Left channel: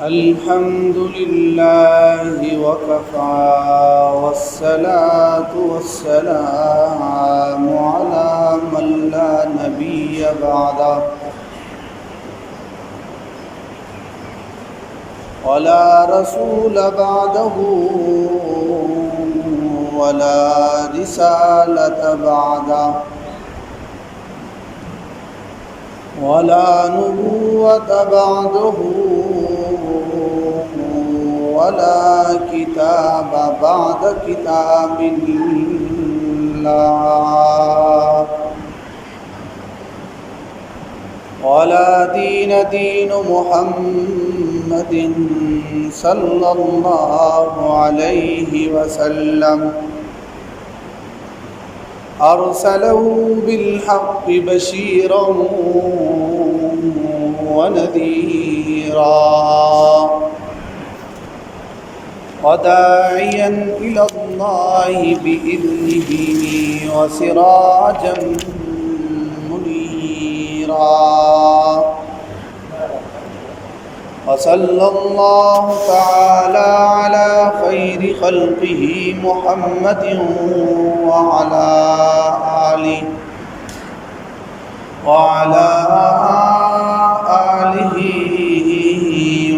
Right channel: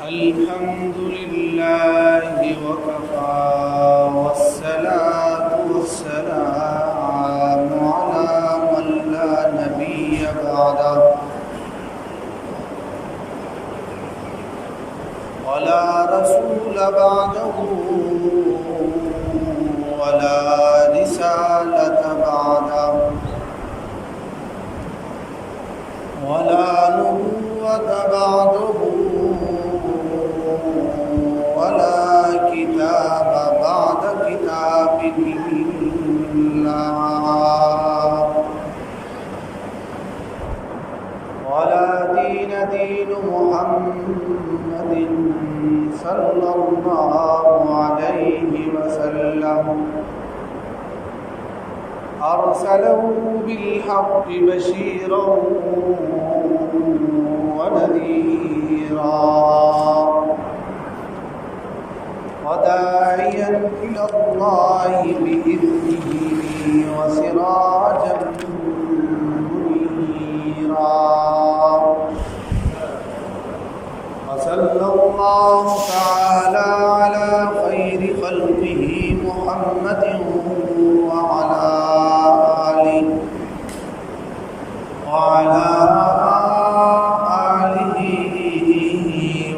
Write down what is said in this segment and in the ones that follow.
الحمد لله وكفى والصلاة والسلام على من لا نبي بعده ولا رسول بعده ولا رسالة بعده ولا نبوة بعده ولا كتاب بعد كتاب الله ولا دين دين محمد صلى الله عليه وسلم أرسله بالحق بشيرا ونذيرا وداعيا إلى الله بإذنه وسراجا منيرا وصلى الله تعالى على خير خلقه محمد وعلى آله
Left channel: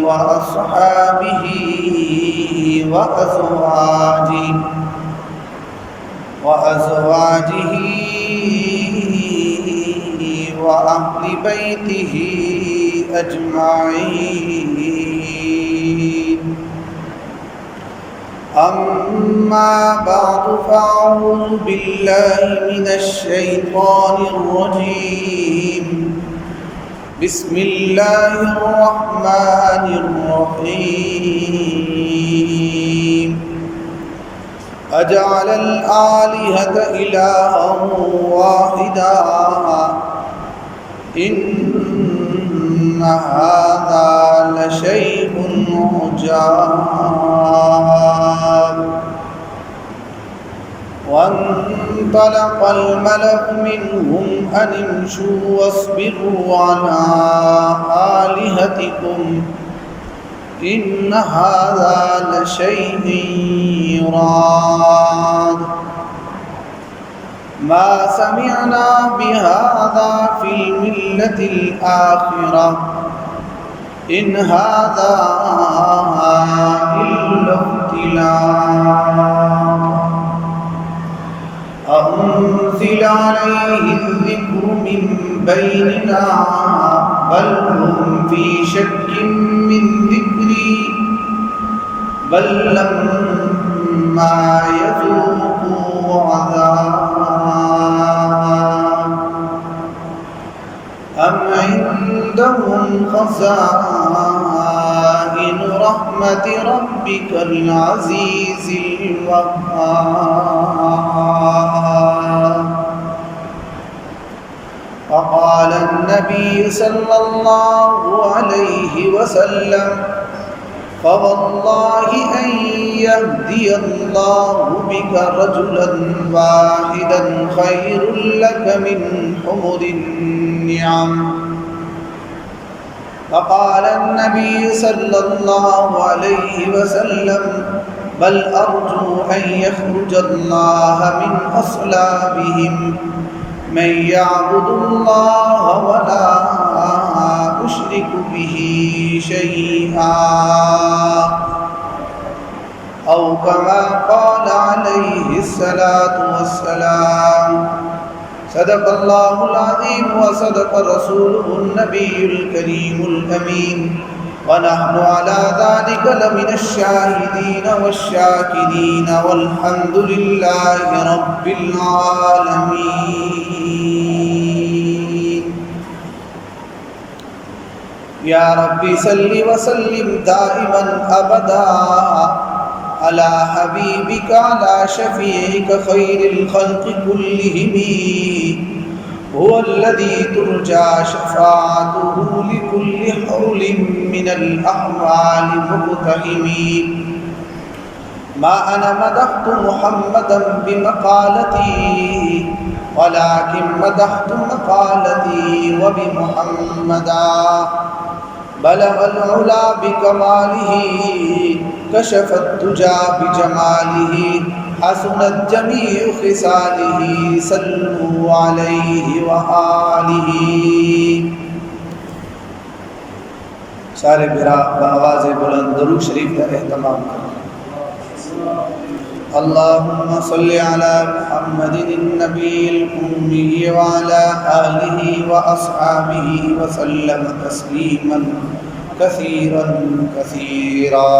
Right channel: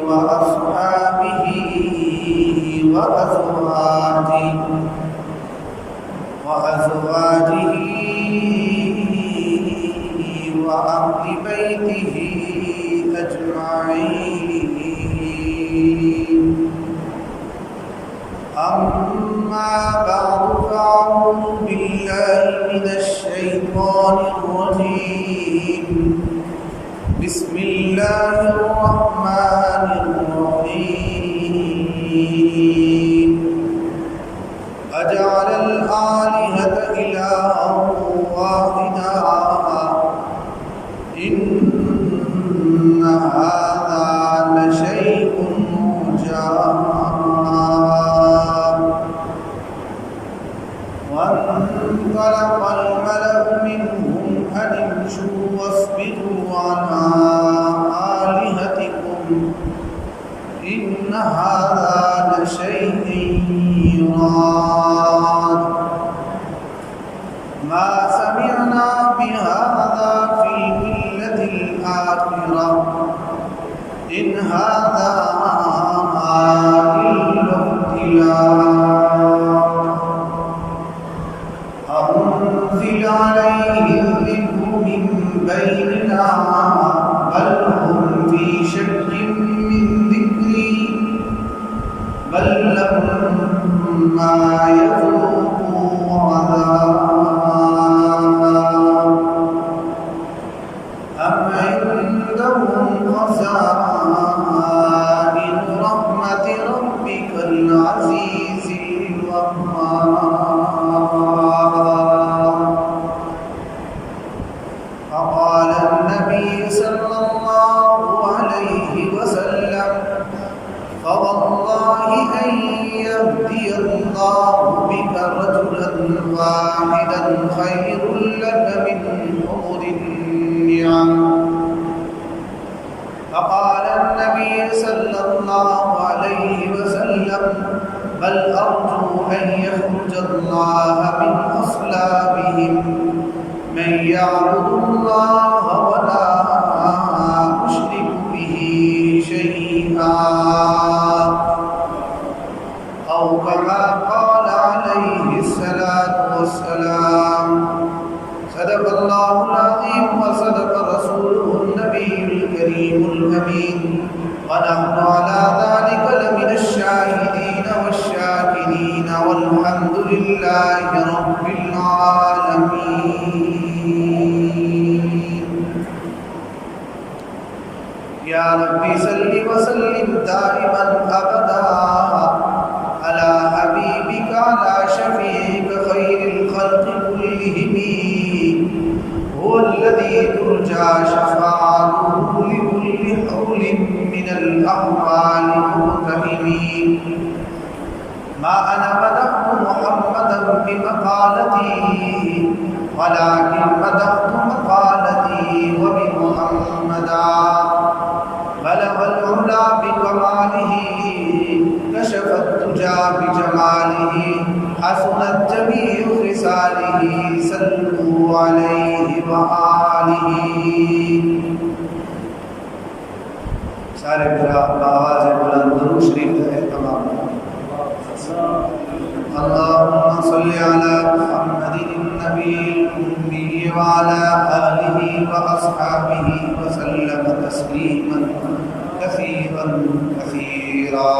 وأصحابه وأزواجه وأهل بيته أجمعين. أما بعد فأعوذ بالله من الشيطان الرجيم. بسم الله الرحمن الرحيم. أجعل الآلهة إلها واحدا إن هذا لشيء عجاب. وانطلق الملأ منهم أن امشوا واصبروا على آلهتكم إن هذا لشيء يراد. ما سمعنا بهذا في الملة الآخرة إن هذا إلا اختلاق. أنزل عليه الذكر من بيننا بل هم في شك من ذكري بل لما يذوقوا عذاب. أم عندهم خزائن رحمة ربك العزيز الوهاب. فقال النبي صلى الله عليه وسلم فوالله أن يهدي الله بك رجلا واحدا خير لك من حمر النعم. فقال النبي صلى الله عليه وسلم بل أرجو أن يخرج الله من أصلابهم من يعبد الله ولا أشرك به شيئا أو كما قال عليه الصلاة والسلام. صدق الله العظيم وصدق رسوله النبي الكريم الأمين ونحن على ذلك لمن الشاهدين والشاكرين والحمد لله رب العالمين. يا رب صل وسلم دائما أبدا على حبيبك على شفيعك خير الخلق كلهم هو الذي ترجى شفاعته لكل حول من الأحوال مقتحمين. ما أنا مدحت محمدا بمقالتي ولكن مدحت مقالتي وبمحمدا بلغ العلا بکمالہ کشف الدجا بجمالہ حسنت جمیع خصالہ صلوا علیہ وآلہ۔ سارے بھرا بآواز بلند درود شریف کا اہتمام کریں۔ اللہم صلی علی محمد النبی الأمی وعلی آلہ واصحابہ وسلم تسلیما کثیرا کثیرا۔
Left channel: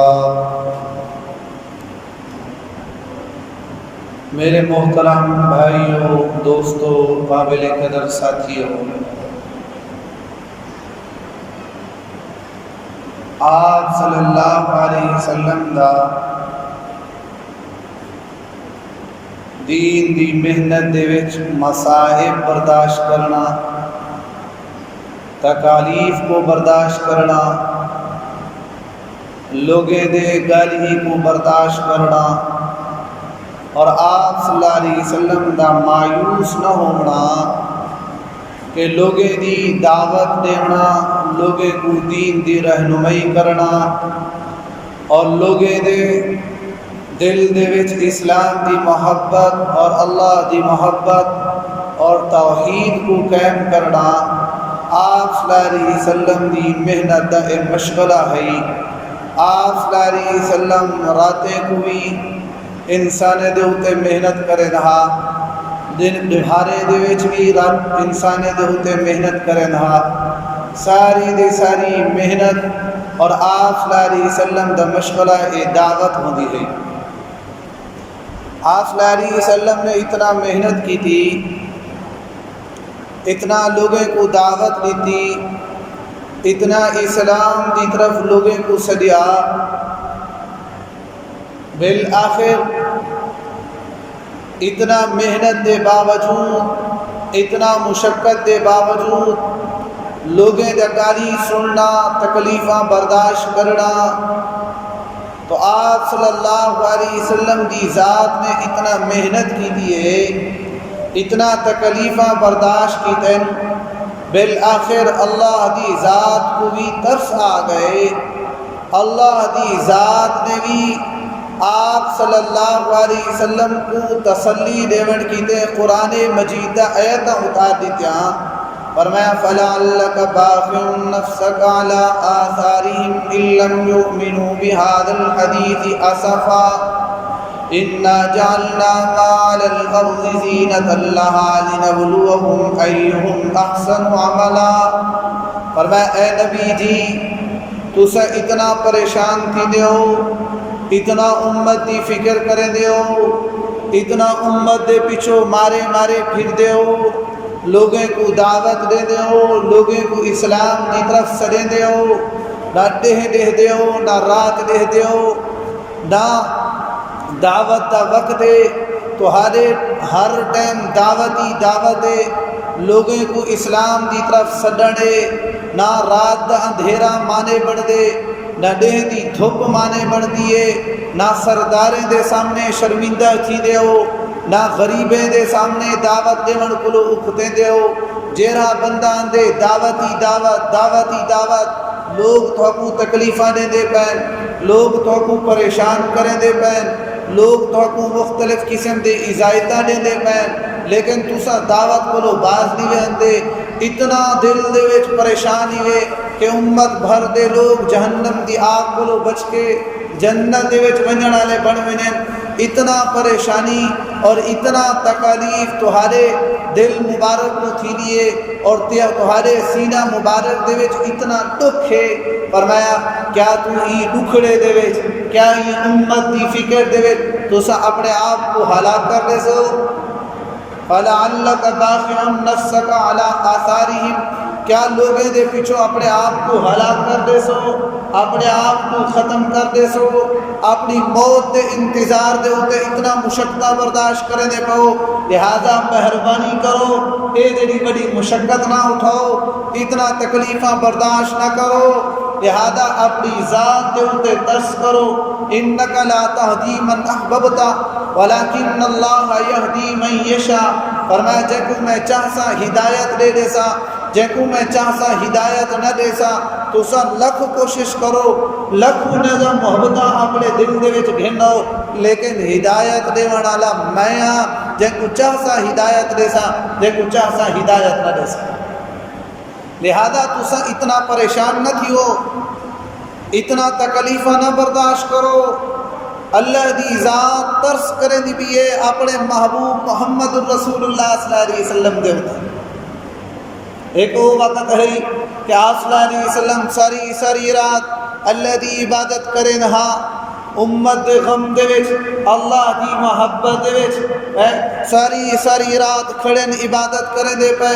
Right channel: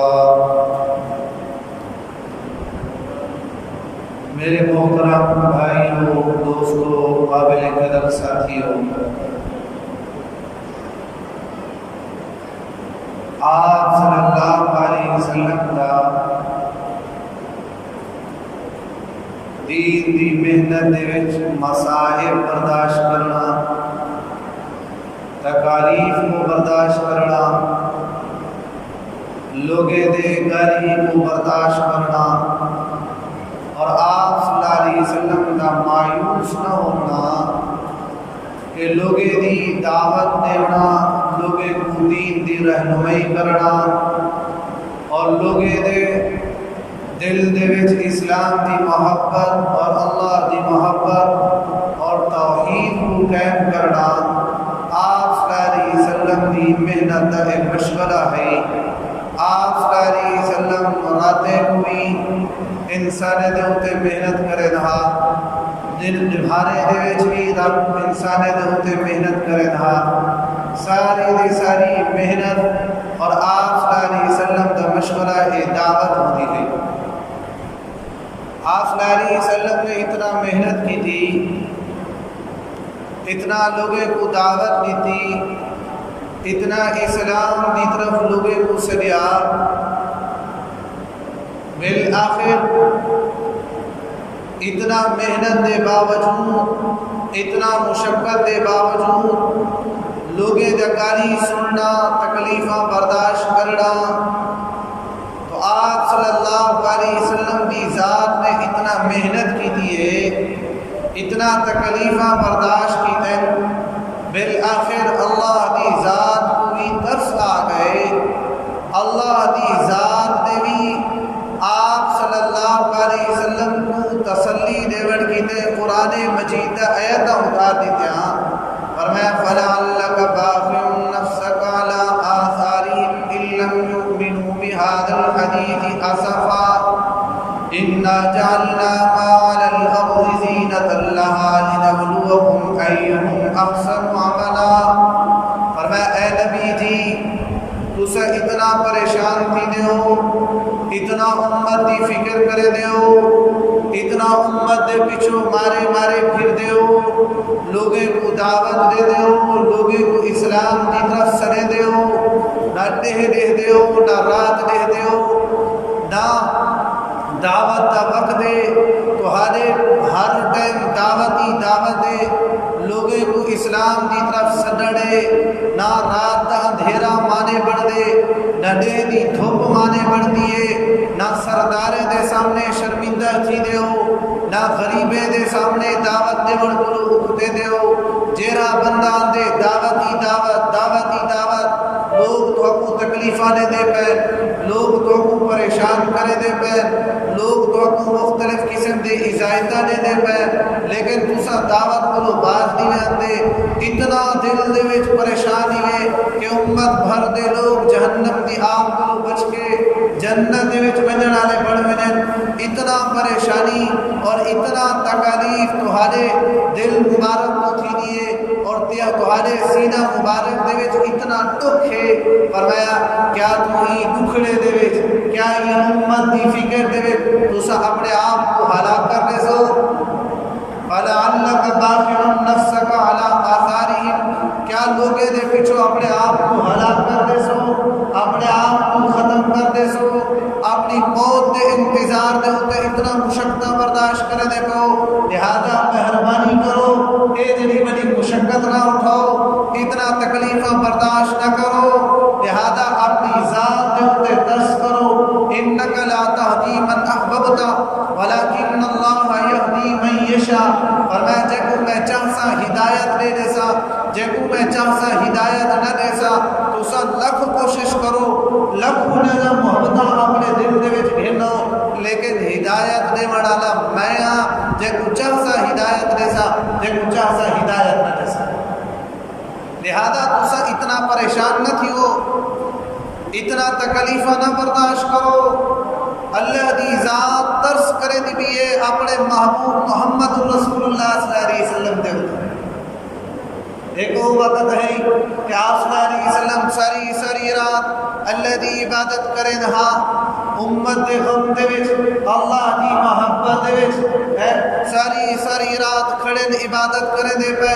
میرے محترم بھائیوں، دوستوں، قابل قدر ساتھیوں، آپ صلی اللہ علیہ وسلم دا دین دی محنت دے وچ مصائب برداشت کرنا، تکالیف کو برداشت کرنا، لوگے دے گالی کو برداشت کرنا، اور آپ صلی اللہ علیہ وسلم دا مایوس نہ ہونا کہ لوگے دی دعوت دینا، لوگے کو دین دی رہنمائی کرنا، اور لوگے دے دل دے وچ اسلام دی محبت اور اللہ دی محبت اور توحید کو قائم کرنا آپ صلی اللہ علیہ وسلم دی محنت دا مشغلہ ہے۔ آپ صلی اللہ علیہ وسلم راتیں کو بھی انسان دے ہوتے محنت کرے رہا، دن دہارے دے وچ بھی رات انسان دے ہوتے محنت کرے رہا، ساری دی ساری محنت اور آپ صلی اللہ علیہ وسلم دا مشغلہ دعوت ہوتی ہے۔ آپ صلی اللہ علیہ وسلم نے اتنا محنت کی تھی، اتنا لوگوں کو دعوت دی تھی، اتنا اسلام دی طرف لوگوں کو سدیا، بالآخر اتنا محنت دے باوجود، اتنا مشقت دے باوجود لوگیں دا گالی سننا، تکلیفاں برداشت کرنا، تو آپ صلی اللہ علیہ وسلم دی ذات نے اتنا محنت کی تھی ہے، اتنا تکلیفاں برداشت کی تھیں، بالآخر اللہ دی ذات کو بھی ترس آ گئے، اللہ دی ذات نے بھی آپ صلی اللہ علیہ وسلم کو تسلی دیون کی تے قرآن مجید دا آیتاں اتار دیتے ہیں، فرمایا فَلَعَلَّكَ بَاخِعٌ نَفْسَكَ عَلَىٰ آثَارِهِمْ إِن لَّمْ يُؤْمِنُوا بِهَٰذَا الْحَدِيثِ أَسَفًا إِنَّا جَعَلْنَا مَا عَلَى الْأَرْضِ زِينَةً لَّهَا لِنَبْلُوَهُمْ أَيُّهُمْ أَحْسَنُ عَمَلًا۔ فرمایا اے نبی جی تُسا اتنا پریشان تھی دیو، اتنا امت دی فکر کرے دیو، اتنا امت دے پیچھو مارے مارے پھر دیو، لوگیں کو دعوت دے دیو، لوگیں کو اسلام دی طرف سدے دیو، نہ ڈہ دیو، نہ رات ڈہ دیو، نہ دعوت دا وقت دے، تو ہر ٹائم دعوت دے، لوگیں کو اسلام دی طرف سڈنے، نہ رات دا اندھیرا مانے بڑھ دے، نہ ڈہ دی دھوپ مانے بڑھ دیے، نہ سرداریں دے سامنے شرمندہ تھی دیو، نہ غریبیں دے سامنے دعوت دے من کو اکھتے دیو، جیرا بندہ آندے دعوتی دعوت، لوگ تو کو تکلیفاں دے پین، لوگ تو کو پریشان کرے دے پین، لوگ تو کو مختلف قسم دے اجازتاں دے پین، لیکن تسا دعوت کو باز نہیں آندے، اتنا دل دے وچ پریشانی ہے کہ امت بھر دے لوگ جہنم دی آگ کو بچ کے جنت دے وچ ونجن والے بن ونجن، اتنا پریشانی اور اتنا تکالیف تہارے دل مبارک کو تھی دیے اور تہارے سینہ مبارک دے وچ اتنا دکھ ہے، فرمایا کیا تو ہی دکھڑے دے وچ، کیا ہی امت دی فکر دے وچ تسا اپنے آپ کو ہلاک کر دے سو؟ فَلَعَلَّكَ بَاخِعٌ نَفْسَكَ عَلَىٰ آثَارِهِمْ، کیا لوگے دے پیچھو اپنے آپ کو ہلاک کر دے سو، اپنے آپ کو ختم کر دے سو، اپنی موت دے انتظار دے ہوتے اتنا مشقت برداشت کرے دے کہو، لہذا مہربانی کرو اے جڑی بڑی مشقت نہ اٹھاؤ، اتنا تکلیفاں برداشت نہ کرو، لہذا اپنی ذات دے ہوتے ترس کرو، انک لا تہدی من احببت ولکن اللہ یہدی من یشاء۔ فرمایا جے کو میں چاہسا ہدایت دے دیسا، جے کو میں چاہسا ہدایت نہ دیسا، تو سا لکھ کوشش کرو، لکھ نظر محبتاں اپنے دل دے وچ گھنو، لیکن ہدایت دے والا میں ہاں، جے کو چاہسا ہدایت دیسا، جے کو چاہسا ہدایت نہ دیسا۔ لہذا تسا اتنا پریشان نہ تھیو، اتنا تکلیفہ نہ برداشت کرو۔ اللہ دی ذات ترس کرے دی بھی ہے اپنے محبوب محمد رسول اللہ صلی اللہ علیہ وسلم دے ہوتا۔ ایک وہ وقت ہے کہ آپ صلی اللہ علیہ وسلم ساری رات اللہ دی عبادت کریں ہاں، امت دے غم دے وچ، اللہ دی محبت دے وچ ساری رات کھڑے عبادت کریں دے پہ،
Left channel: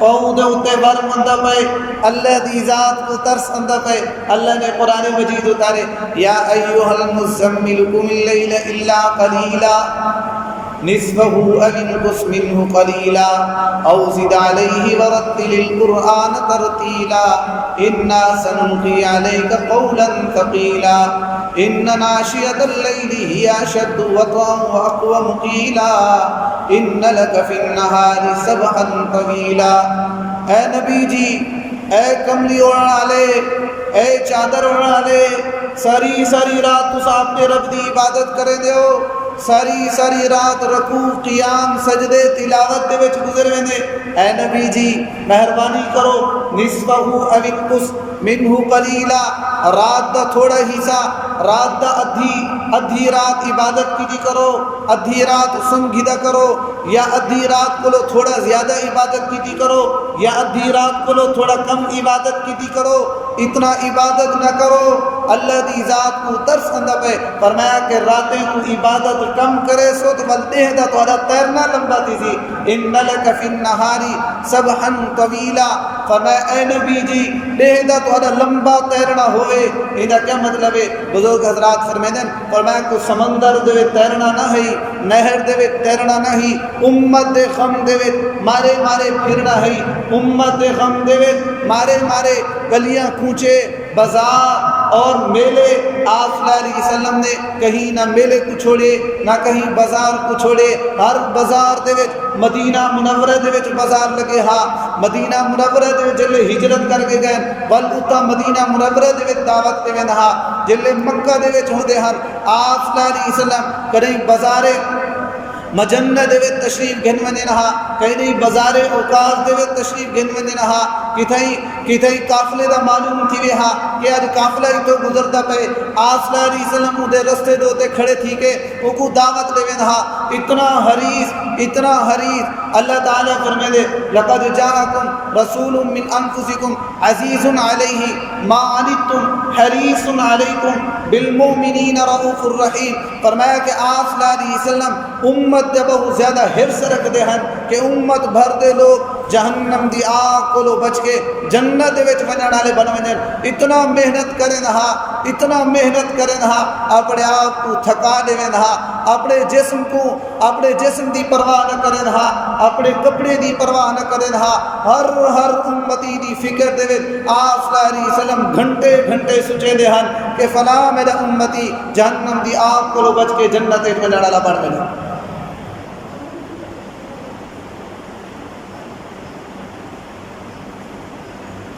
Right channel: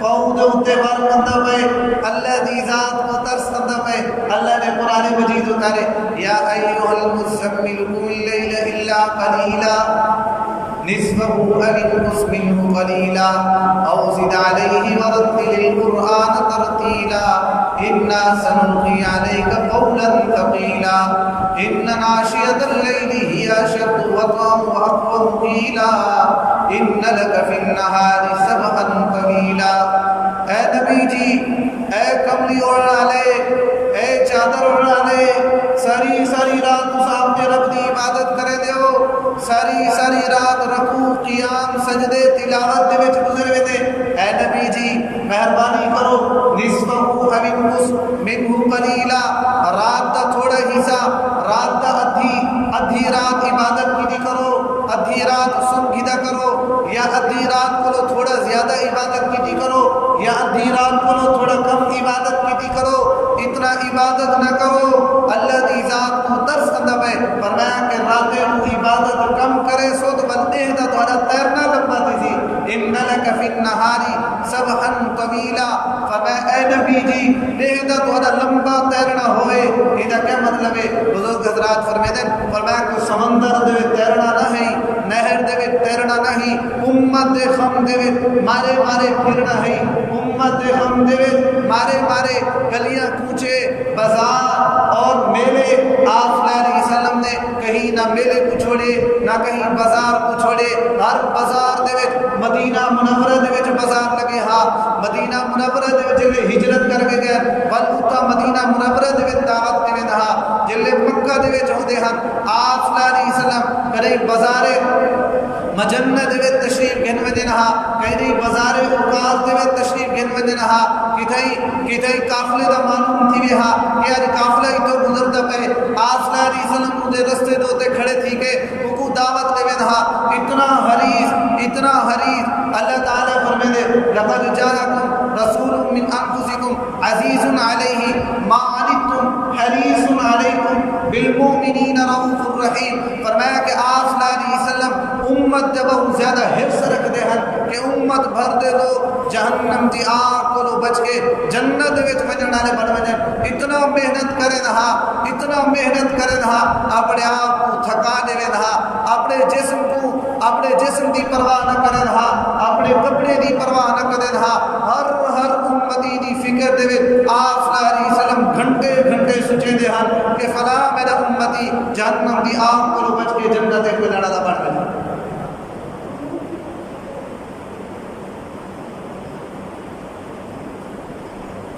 پاؤں دے اتے ور مندہ پہ، اللہ دی ذات کو ترس مندہ پہ۔ اللہ نے قرآن مجید اتارے، یا ایوہ المزمل قم اللیل الا قلیلا نصفه او انقص منه قلیلا او زد علیہ ورتل القرآن ترتیلا انا سنلقی علیک قولا ثقیلا ان ناشئۃ اللیل ہی اشد وطئا واقوم قیلا ان لک فی النہار سبحا طویلا۔ اے نبی جی، اے کملی اوڑھنے والے، اے چادر اوڑھنے والے، ساری رات تس اپنے رب دی عبادت کرے دے ہو، ساری رات رکوع قیام سجدے تلاوت دے وچ گزر ویندے۔ اے نبی جی مہربانی کرو، نصفہ او انقص منہ قلیلا، رات دا تھوڑا حصہ، رات دا ادھی رات عبادت کی دی کرو، ادھی رات سن گھدا کرو، یا ادھی رات کو تھوڑا زیادہ عبادت کی دی کرو، یا ادھی رات کو تھوڑا کم عبادت کی دی کرو۔ اتنا عبادت نہ کرو، اللہ دی ذات کو ترس اندہ پہ۔ فرمایا کہ راتیں کو عبادت کم کرے سو تو بلتے ہیں تو تیرنا لمبا تیزی۔ ان لک فی النہاری سبحا طویلا، فرمایا اے نبی جی دیکھ دا تو لمبا تیرنا ہوئے۔ یہ کیا مطلب ہے؟ بزرگ حضرات فرمیدن، فرمایا کہ سمندر دے تیرنا نہ ہے، نہر دے تیرنا نہ ہی، امت دے غم دے مارے پھرنا ہے، امت دے غم دے مارے گلیاں کوچے بازار اور میلے۔ آپ صلی اللہ علیہ وسلم نے کہیں نہ میلے کو چھوڑے نہ کہیں بازار کو چھوڑے، ہر بازار دے وچ مدینہ منورہ دے وچ بازار لگے ہاں، مدینہ منورہ دے وچ جلے ہجرت کر کے گئے بل اتا مدینہ منورہ دے وچ دعوت دے ویندے ہاں، جلے مکہ دے وچ ہوندے ہن۔ آپ صلی اللہ علیہ وسلم کہیں بازارے مجنہ دے وچ تشریف گھن ویندے ہاں، کہیں بازارے اوقاف دے وچ تشریف گھن ویندے ہاں، کتھائی قافلے دا معلوم تھی وے ہاں کہ آج قافلہ ہی تو گزردا پے۔ آپ صلی اللہ علیہ وسلم دے رستے دوتے کھڑے تھی کہ وہ کو دعوت دے ویندے ہاں، اتنا حریص اللہ تعالیٰ فرمے دے لقد جاءکم رسول من انفسکم عزیز علیہ ما عنتم حریص علیکم بالمؤمنین رؤوف الرحیم۔ فرمایا کہ آپ صلی اللہ علیہ وسلم امت دے بہت زیادہ حرص رکھ دے ہن کہ امت بھر دے لوگ جہنم دی آگ کو بچ کے جنت وچ ونجن والے بن ونجن۔ اتنا محنت کریں ہاں، اپنے آپ کو تھکا دے ہاں، اپنے جسم دی پرواہ نہ کریں ہاں، اپنے کپڑے دی پرواہ نہ کریں ہاں، ہر امتی دی فکر دے وچ آپ صلی اللہ علیہ وسلم گھنٹے سوچے دے ہن کہ فلاں میرا امتی جہنم دی آگ کو بچ کے جنت وچ ونجن والا بن ونجن۔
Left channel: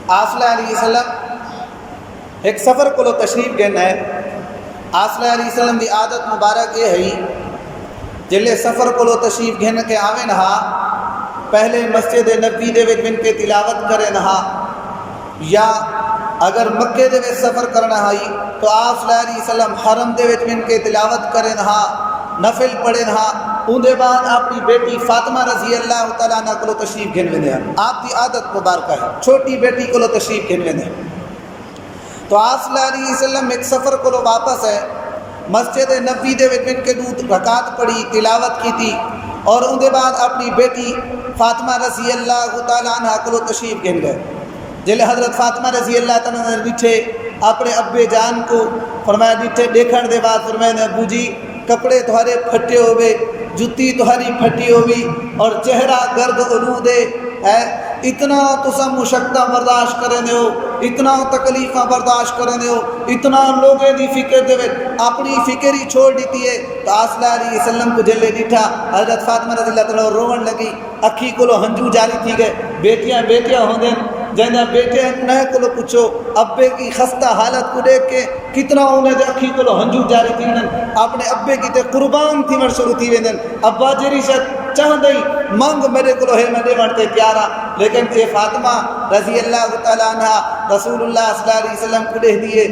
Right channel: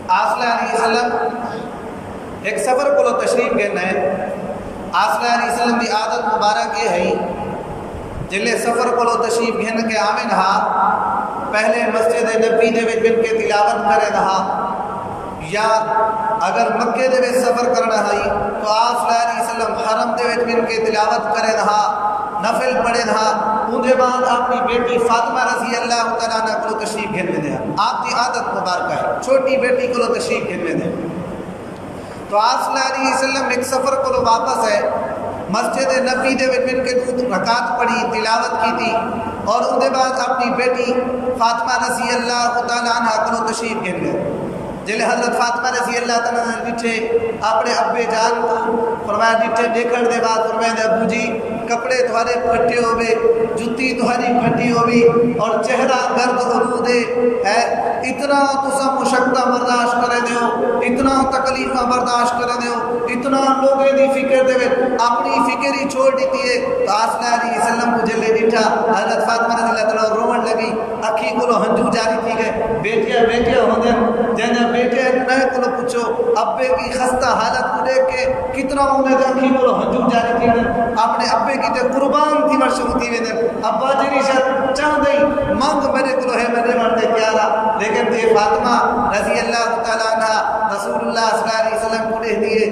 آپ صلی اللہ علیہ وسلم ایک سفر کو تشریف گھن ہے۔ آپ صلی اللہ علیہ وسلم دی عادت مبارک یہ ہے جلے سفر کو تشریف گھن کے آویں ہاں، پہلے مسجد نبی دے وچ بن کے تلاوت کریں ہاں، یا اگر مکے دے وچ سفر کرنا ہے تو آپ صلی اللہ علیہ وسلم حرم دے وچ بن کے تلاوت کریں ہاں، نفل پڑھیں ہاں۔ ان دے بعد اپنی بیٹی فاطمہ رضی اللہ تعالیٰ عنہ کو تشریف گھن ویندے ہیں۔ آپ کی عادت مبارکہ ہے، چھوٹی بیٹی کو تشریف گھن ویندے ہیں۔ تو آپ صلی اللہ علیہ وسلم ایک سفر کو واپس ہے، مسجد نبی دے وچ بن کے رکعت پڑھی، تلاوت کی تھی، اور ان دے بعد اپنی بیٹی فاطمہ رضی اللہ تعالیٰ عنہ کو تشریف گھن گئے۔ جلے حضرت فاطمہ رضی اللہ تعالیٰ عنہ ڈٹھے اپنے ابے جان کو، فرمایا ڈٹھے دیکھن دے بعد فرمایا ابو جی کپڑے تھوڑے پھٹے ہوئے، جتی تہاری پھٹی ہوئی اور چہرہ گرد آلود ہے، اتنا تسا مشقت برداشت کرنے ہو، اتنا تکلیفاں برداشت کرنے ہو، اتنا لوگوں دی فکر دے اپنی فکر ہی چھوڑ دیتی ہے۔ تو آقا صلی اللہ علیہ وسلم کو جلے ڈٹھا، حضرت فاطمہ رضی اللہ تعالیٰ روون لگی، اکھی کو ہنجو جاری تھی گئے، بیٹیاں ہوندے جہاں بیٹے نئے کو پوچھو ابے کی خستہ حالت کو دیکھ کے کتنا انہیں دے اکھی کو ہنجو جاری تھی ویندن، اپنے ابے کی تے قربان تھی ور شروع تھی ویندن، ابا جیری شد چاہن دئی منگ میرے کو ہے میرے مرتے پیارا، لیکن اے فاطمہ رضی اللہ تعالیٰ عنہ رسول اللہ صلی اللہ علیہ وسلم کو دے دیے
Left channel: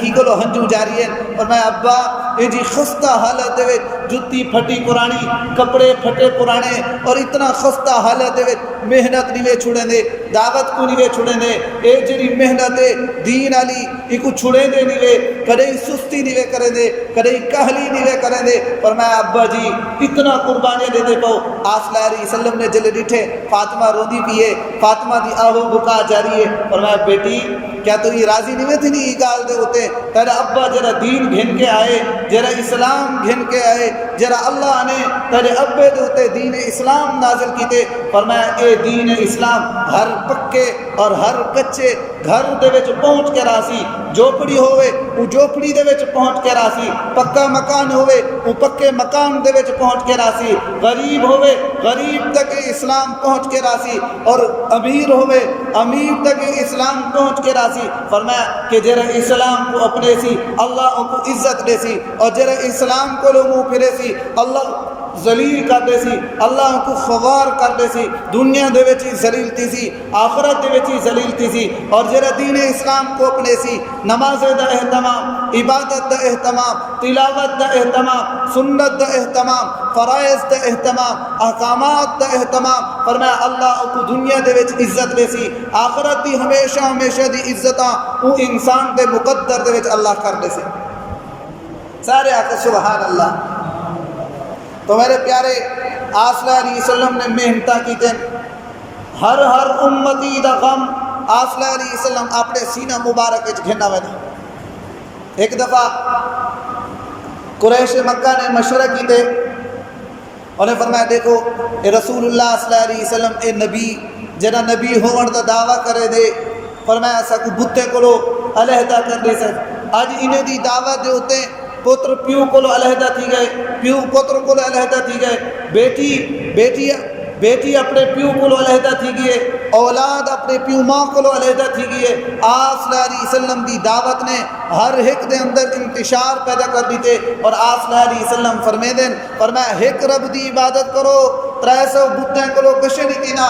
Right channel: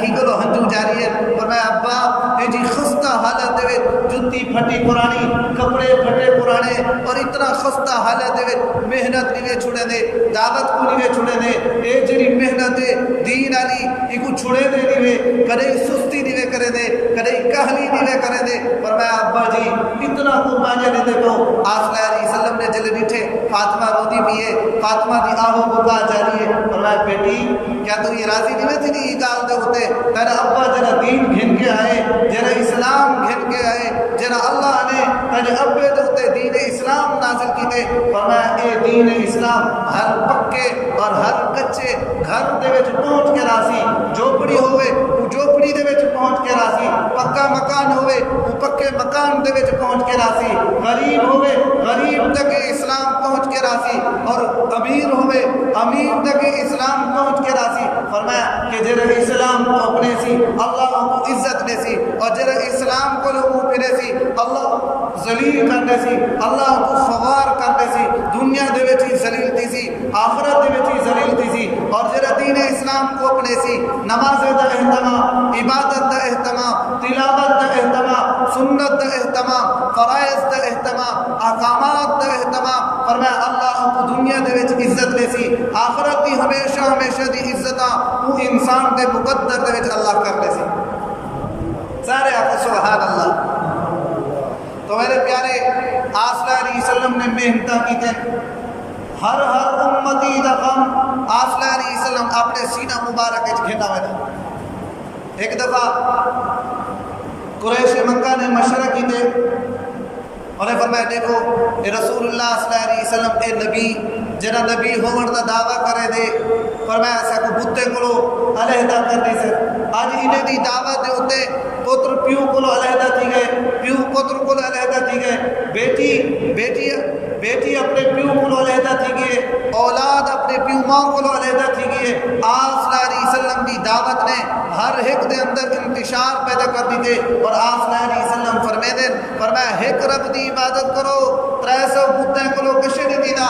کی کو ہنجو جاری ہے، اور میں ابا یہ جی خستہ حالت دے جتی پھٹی پرانی، کپڑے پھٹے پرانے، اور اتنا خستہ حالت دے محنت نہیں چھڑے دے، دعوت کو نہیں چھڑے دے، اے جی محنت دین علی ایک چھڑے دے نہیں کدے سستی نہیں کرے دے، کدے کہلی نہیں کرے دے، پر میں ابا جی اتنا قربانیاں دے دے کو آقا صلی اللہ علیہ وسلم نے جلے ڈٹھے فاطمہ رو دی بھی ہے، فاطمہ دی آہو بکا جاری ہے، پر میں بیٹی کیا تو یہ راضی نہیں تھی نہیں گال دے ہوتے تیرا ابا جرا دین گھن کے آئے، جرا اسلام گھن کے آئے، جرا اللہ نے تیرے ابے دے ہوتے دین اسلام نازل کیتے، پر میں اے دین اسلام ہر پکے اور ہر کچے گھر دے وچ پہنچ کے راسی، جھوپڑی ہوئے وہ جھوپڑی دے وچ پہنچ کے راسی، پکا مکان ہوئے وہ پکے مکان دے وچ پہنچ کے راسی، غریب ہوئے غریب تک اسلام پہنچ کے راسی، اور امیر ہوئے امیر تک اسلام پہنچ کے راسی۔ فرمایا کہ جرا اسلام کو اپنے سی اللہ ان کو عزت دے سی، اور جرا اسلام کو لوگوں پھرے سی اللہ ذلیل کر دے سی، اللہ ان کو خوار کر دے سی، دنیا دے وچ ہی ذلیل تھی سی، آخرت دے وچ ہی ذلیل تھی سی، اور جرا دین اسلام کو اپنے سی نماز دا اہتمام، عبادت دا اہتمام، تلاوت دا اہتمام، سنت دا اہتمام، فرائض دا اہتمام، احکامات دا اہتمام، فرمایا اللہ ان کو دنیا دے وچ عزت دے سی، آخرت دی ہمیشہ دی عزتاں وہ انسان دے مقدر دے وچ اللہ کر دے سی۔ سارے آقا سبحان اللہ۔ تو میرے پیارے آقا صلی اللہ علیہ وسلم نے محنتاں کی تھے، ہر امتی دا غم آقا صلی اللہ علیہ وسلم اپنے سینہ مبارک وچ گھنا ہوئے تھے۔ ایک دفعہ قریش مکہ نے مشورہ کی تھے، انہیں فرمایا دیکھو اے رسول اللہ صلی اللہ علیہ وسلم اے نبی جنا نبی ہون دا دعویٰ کرے دے، فرمایا ایسا کو بتے کو علیحدہ کر دے سے، آج انہیں دی دعوت دے ہوتے پتر پیو کو علیحدہ تھی گئے، پیو پتر کو علیحدہ تھی گئے، بیٹی اپنے پیو کو علیحدہ تھی گئے، اولاد اپنے پیو ماں کو علیحدہ تھی گئے۔ آقا صلی اللہ علیہ وسلم دی دعوت نے ہر ایک دے اندر انتشار پیدا کر دی تھے، اور آقا صلی اللہ علیہ وسلم فرمایا ایک رب دی عبادت کرو، 300 بتیں کو کشے نہیں دینا،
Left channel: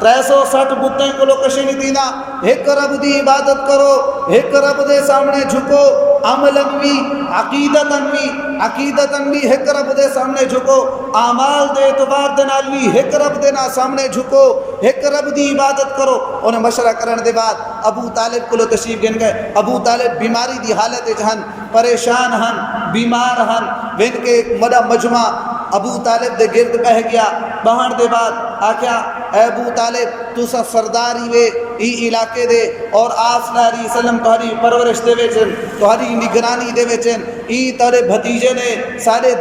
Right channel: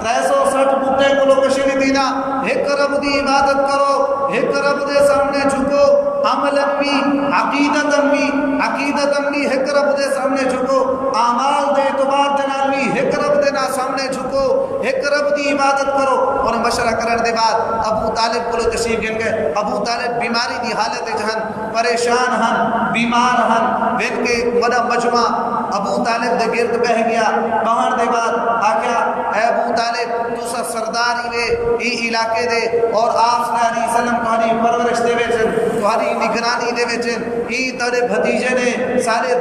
360 بتیں کو کشے نہیں دینا، ایک رب دی عبادت کرو، ایک رب دے سامنے جھکو، عملاً بھی عقیدتاً بھی ایک رب دے سامنے جھکو، اعمال دے اعتبار دے نال بھی ایک رب دے سامنے جھکو، ایک رب دی عبادت کرو۔ انہیں مشورہ کرنے دے بعد ابو طالب کو تشریف گن گئے، ابو طالب بیماری دی حالت جہن، پریشان ہن، بیمار ہن، وین کے مدہ مجمع ابو طالب دے گرد بہ گیا، بہن دے بعد آکھیا اے ابو طالب تو سا سرداری وے ای علاقے دے، اور آقا صلی اللہ علیہ وسلم تہاڈی پرورش دے وچن، تہاڈی نگرانی دے وچن، ای تیرے بھتیجے نے سارے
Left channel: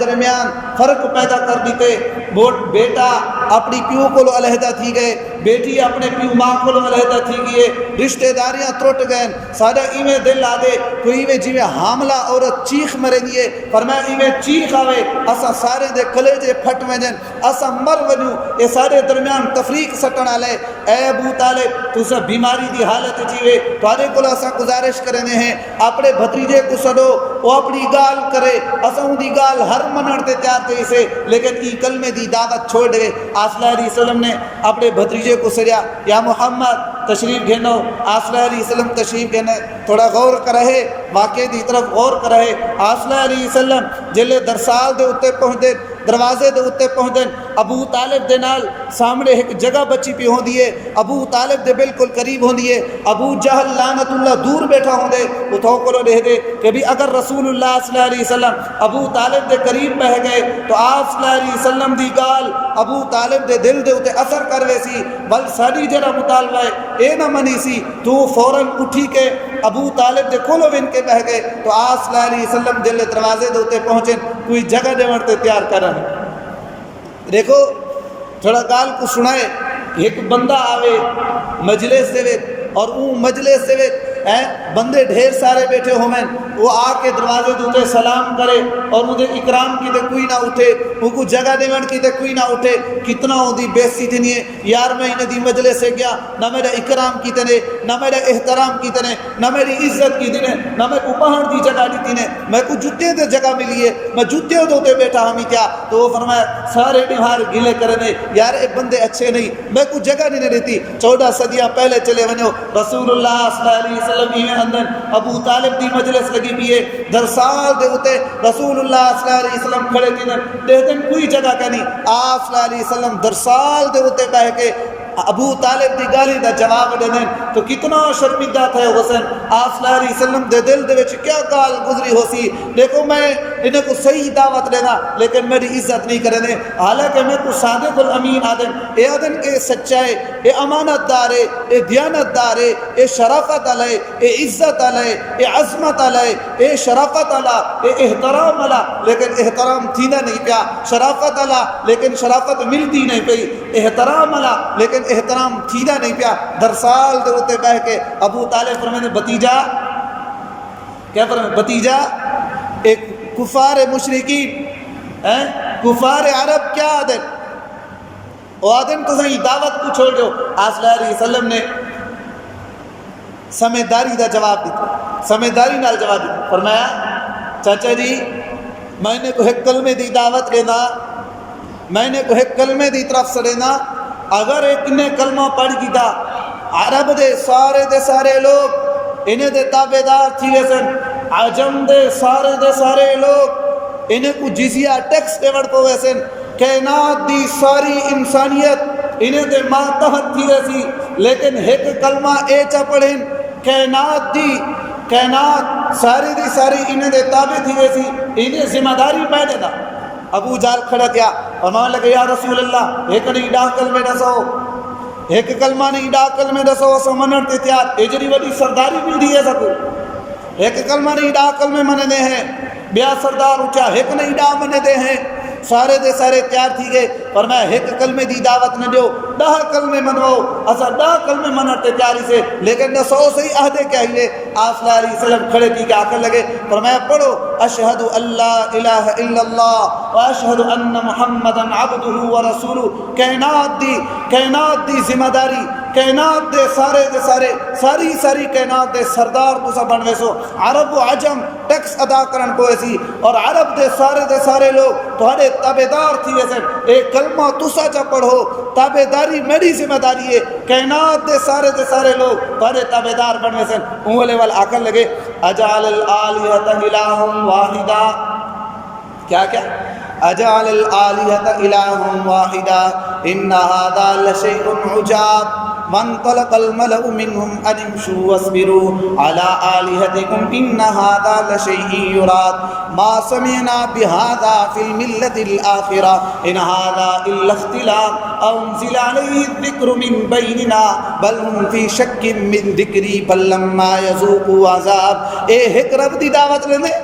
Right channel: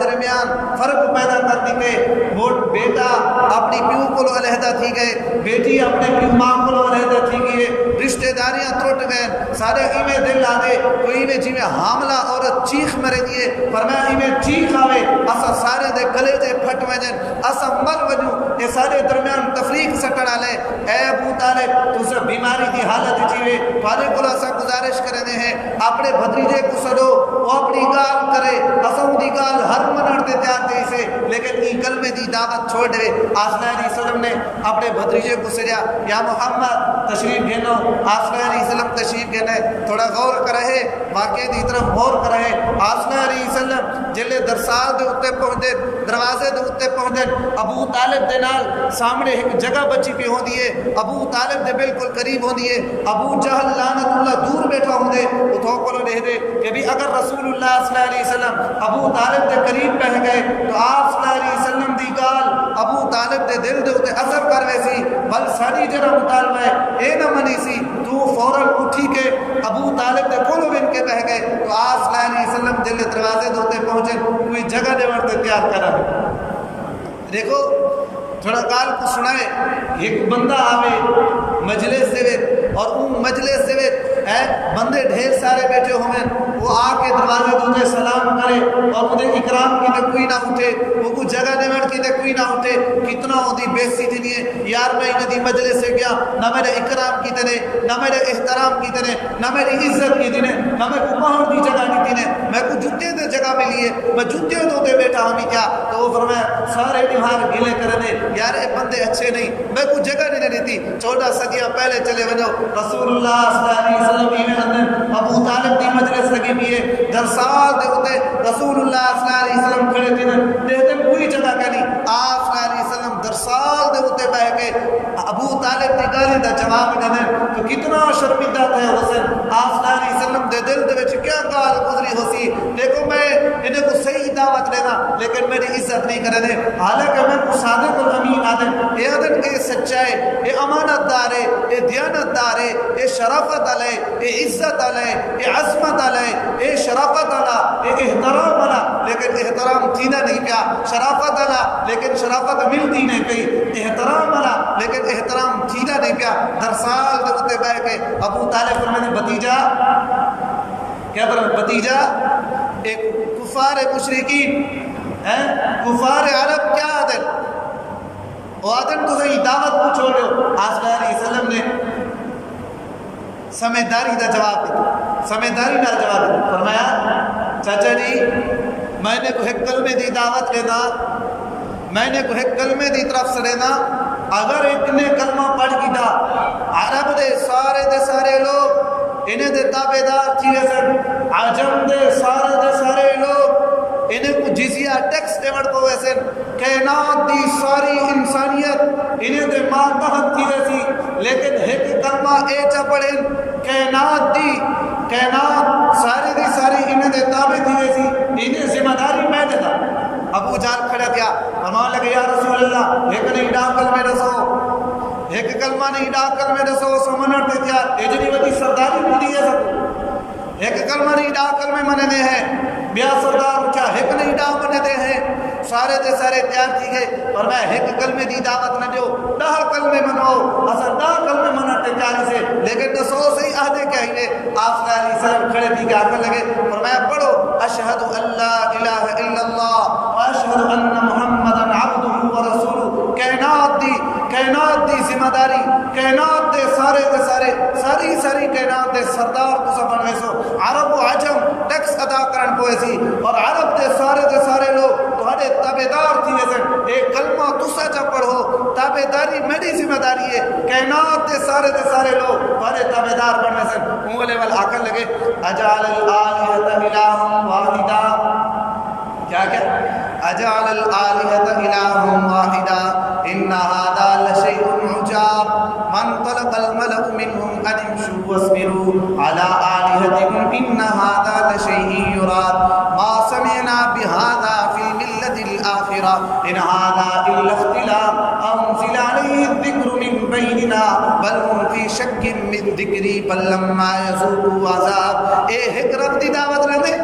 درمیان فرق پیدا کر دیتے، بیٹا اپنی پیو کو علیحدہ تھی گئے، بیٹی اپنے پیو ماں کو علیحدہ تھی گئے، رشتہ داریاں ٹوٹ گئے، سارے ایویں دل آ دے کوئی ایویں جی حاملہ عورت چیخ مرے دیے، فرمایا ایویں چیخ آوے اسا سارے دے کلیجے پھٹ وجن، اسا مر وجوں، یہ سارے درمیان تفریق سٹن آلے۔ اے ابو طالب تو سا بیماری دی حالت جیوے، تھوڑے کو اسا گزارش کرنے ہیں اپنے بھتیجے کو سڈو، وہ اپنی گال کرے، اسا ان دی گال ہر منن تے تیار تھے اسے، لیکن ای کلمے دی دعوت چھوڑ دے۔ آقا صلی اللہ علیہ وسلم نے اپنے بھتیجے کو سریا، یا محمد تشریف گھنو، آقا صلی اللہ علیہ وسلم تشریف گھنے، تھوڑا غور کرے، واقعے دی طرف غور کرے۔ آقا صلی اللہ علیہ وسلم جلے درسال دے اتے پہنچ دے، دروازے دے اتے پہنچ دے، ابو طالب دے نال سامنے ایک جگہ بچی پی ہوں دیئے، ابو طالب دے بالکل قریب ہوں دیئے، ابو جہل لعنت اللہ دور بیٹھا ہوں دے، اتھو کو دے دے کہ بھی اگر رسول اللہ صلی اللہ علیہ وسلم ابو طالب دے قریب بہ گئے تو آپ صلی اللہ علیہ وسلم دی گال ابو طالب دے دل دے اتے اثر کروے سی، بل ساری جرہ مطالبہ ہے اے نہ منی سی، تو فوراً اٹھی کے ابو طالب دے کھولو بن کے بہ گئے، تو آپ صلی اللہ علیہ وسلم دل دروازے دے اتے پہنچے، کوئی جگہ دے ورتے تیار کر رہے۔ دیکھو تھوڑا گال کو سنائے، ایک بندہ آوے مجلس دے اور اون مجلس دے بندے ڈھیر سارے بیٹھے ہوئے، وہ آ کے دروازے دوتے سلام کرے اور انہیں اکرام کی تے کوئی نہ اٹھے، وہ کو جگہ دے من کی تے کوئی نہ اٹھے، کتنا ہوندی بےزتی دینی ہے یار میں انہیں دی مجلس سے گیا، نہ میرے اکرام کی تے نہ میرے احترام کی تے نہ میری عزت کی تے نہ میں کو پہاڑ دی جگہ دی تے میں کو جوتے دے جگہ ملی ہے، میں جوتے دوتے بیٹھا ہمیں کیا؟ تو وہ فرمایا سارے نہار گلے کرنے یار اے بندے اچھے نہیں، میں کو جگہ نہیں دیتی۔ 14 صدیاں پہلے چلے ونو رسول اللہ صلی اللہ علیہ وسلم ایویں اندر ابو طالب دی مجلس لگی بھی ہے، درسال دے ہوتے رسول اللہ صلی اللہ علیہ وسلم کھڑے تھے دے دن کوئی جگہ کرنی، آپ صلی اللہ علیہ وسلم درسال دے ہوتے بہ کے ابو طالب دی گالی دا جواب دینے تو کتنا شرمندہ تھے حسین۔ آپ صلی اللہ علیہ وسلم دے دل دے وچ کیا گال گزری ہو سی، دیکھو میں انہیں کو صحیح دعوت لینا لیکن میری عزت نہیں کرنے، حالانکہ میں کو صادق الامین آدم اے آدم کے سچائے اے امانت دارے اے دیانت دارے اے شرافت علیہ اے عزت علیہ اے عظمت علیہ اے شرافت علیہ اے احترام علیہ، لیکن احترام تھینا نہیں پیا، شرافت علیہ لیکن شرافت ملتی نہیں پئی، احترام علیہ لیکن احترام تھینا نہیں پیا۔ درسال دے ہوتے بہ کے ابو طالب فرمانے بتیجا کیا فرمانے بتیجا ایک کفار مشرکین کفار عرب کیا آدن وہ آدن تو صحیح دعوت کو چھوڑ دیو۔ آپ صلی اللہ علیہ وسلم نے سمجھداری دا جواب دیتا، سمجھداری نال جواب دیتا، فرمایا چاچا جی میں نے کو ایک کلمے دی دعوت لینا، میں نے کو ایک کلمے دی طرف سے لینا، اگر ایک نے کلمہ پڑھ کی دا عرب دے سارے لوگ انہیں دے تابعدار تھی سن، عجم دے سارے لوگ انہیں کو جزیہ ٹیکس پیمنٹ کو ویسن، کائنات دی ساری انسانیت انہیں دے ماتحت تھی ویسی، لیکن ایک کلمہ اے چا پڑھیں کائنات ساری دی ساری انہیں دے تابع تھی ویسی، انہیں ذمہ داری میں دے دا۔ ابو جال کھڑا کیا اور ماں لگے یا رسول اللہ ایک نہیں ڈاہ کلمے رسو، ایک کلمہ نہیں ڈاہ کلمے رسو سمنر تے تیار اجری وڈی سرداری مل دی ہے سکو، ایک کلمہ نہیں ڈاہ کلمے مننے دے ہیں، بیا سردار اٹھا ایک نہیں ڈاہ مننے دے ہیں، سارے دے سارے تیار تھی گئے اور میں ایک کلمے دی دعوت نہ دیو، 10 کلمے منو اسا 10 کلمے منتے تیاری سے، لیکن نہ 100 سے عہدے کہیے۔ آپ صلی اللہ علیہ وسلم کھڑے تھی کہ آکر لگے فرمایا پڑھو اشہد اللہ الہ الا اللہ و اشہد ان محمد عبدہ و رسولہ، کائنات دی ذمہ داری، کائنات دے سارے ساری کائنات دے سردار تو سب بنوے سو، عرب و عجم ٹیکس ادا کرن کو ایسی اور عرب دے سارے لوگ تھوڑے تابعدار تھی ویسے، ایک کلمہ تسا چا پڑھو، تابعداری میری ذمہ داری ہے، کائنات دے سارے لوگ تھوڑے تابعدار بن ویسے۔ انگلے وال آکر لگے اجعل الآلہۃ الہا واحدا، کیا اجعل الآلہۃ الہا واحدا ان ھذا لشیء عجاب وانطلق الملأ منهم ان امشوا واصبروا على آلهتكم ان هذا لشيء يراد ما سمعنا بهذا في الملة الآخرة ان هذا الا اختلاق انزل عليه الذكر من بيننا بل هم في شك من ذكري بل لما يذوقوا عذاب۔ اے حکرت دی دعوت لے دے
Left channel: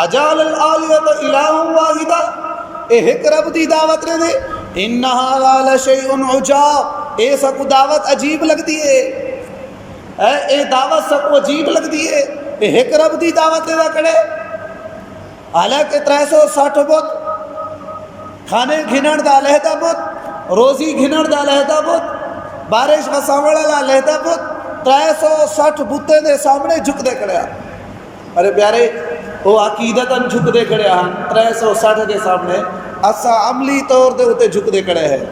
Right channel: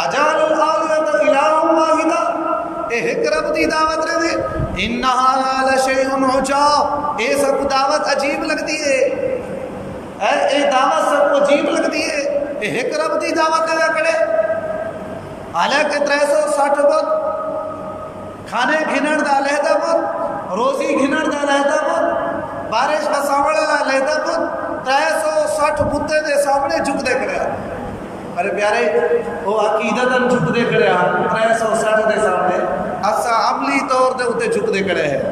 اجعل الآلهۃ الہا واحدا، اے حکرت دی دعوت لے دے ان ھذا لشیء عجاب، اے سب کو دعوت عجیب لگتی ہے، اے دعوت سب کو عجیب لگتی ہے، اے ایک رب دی دعوت دے کڑے، حالانکہ 360 بت کھانے گھنڑ دا لہدہ بت، روزی گھنڑ دا لہدہ بت، بارش کا سامنے دا لہدہ بت، 360 بتے دے سامنے جھک دے کڑے۔ ارے پیارے وہ عقیدتاً جھک دے کھڑے ہم 360 دے سامنے، اسا عملی طور دے اتے جھک دے کھڑے ہیں،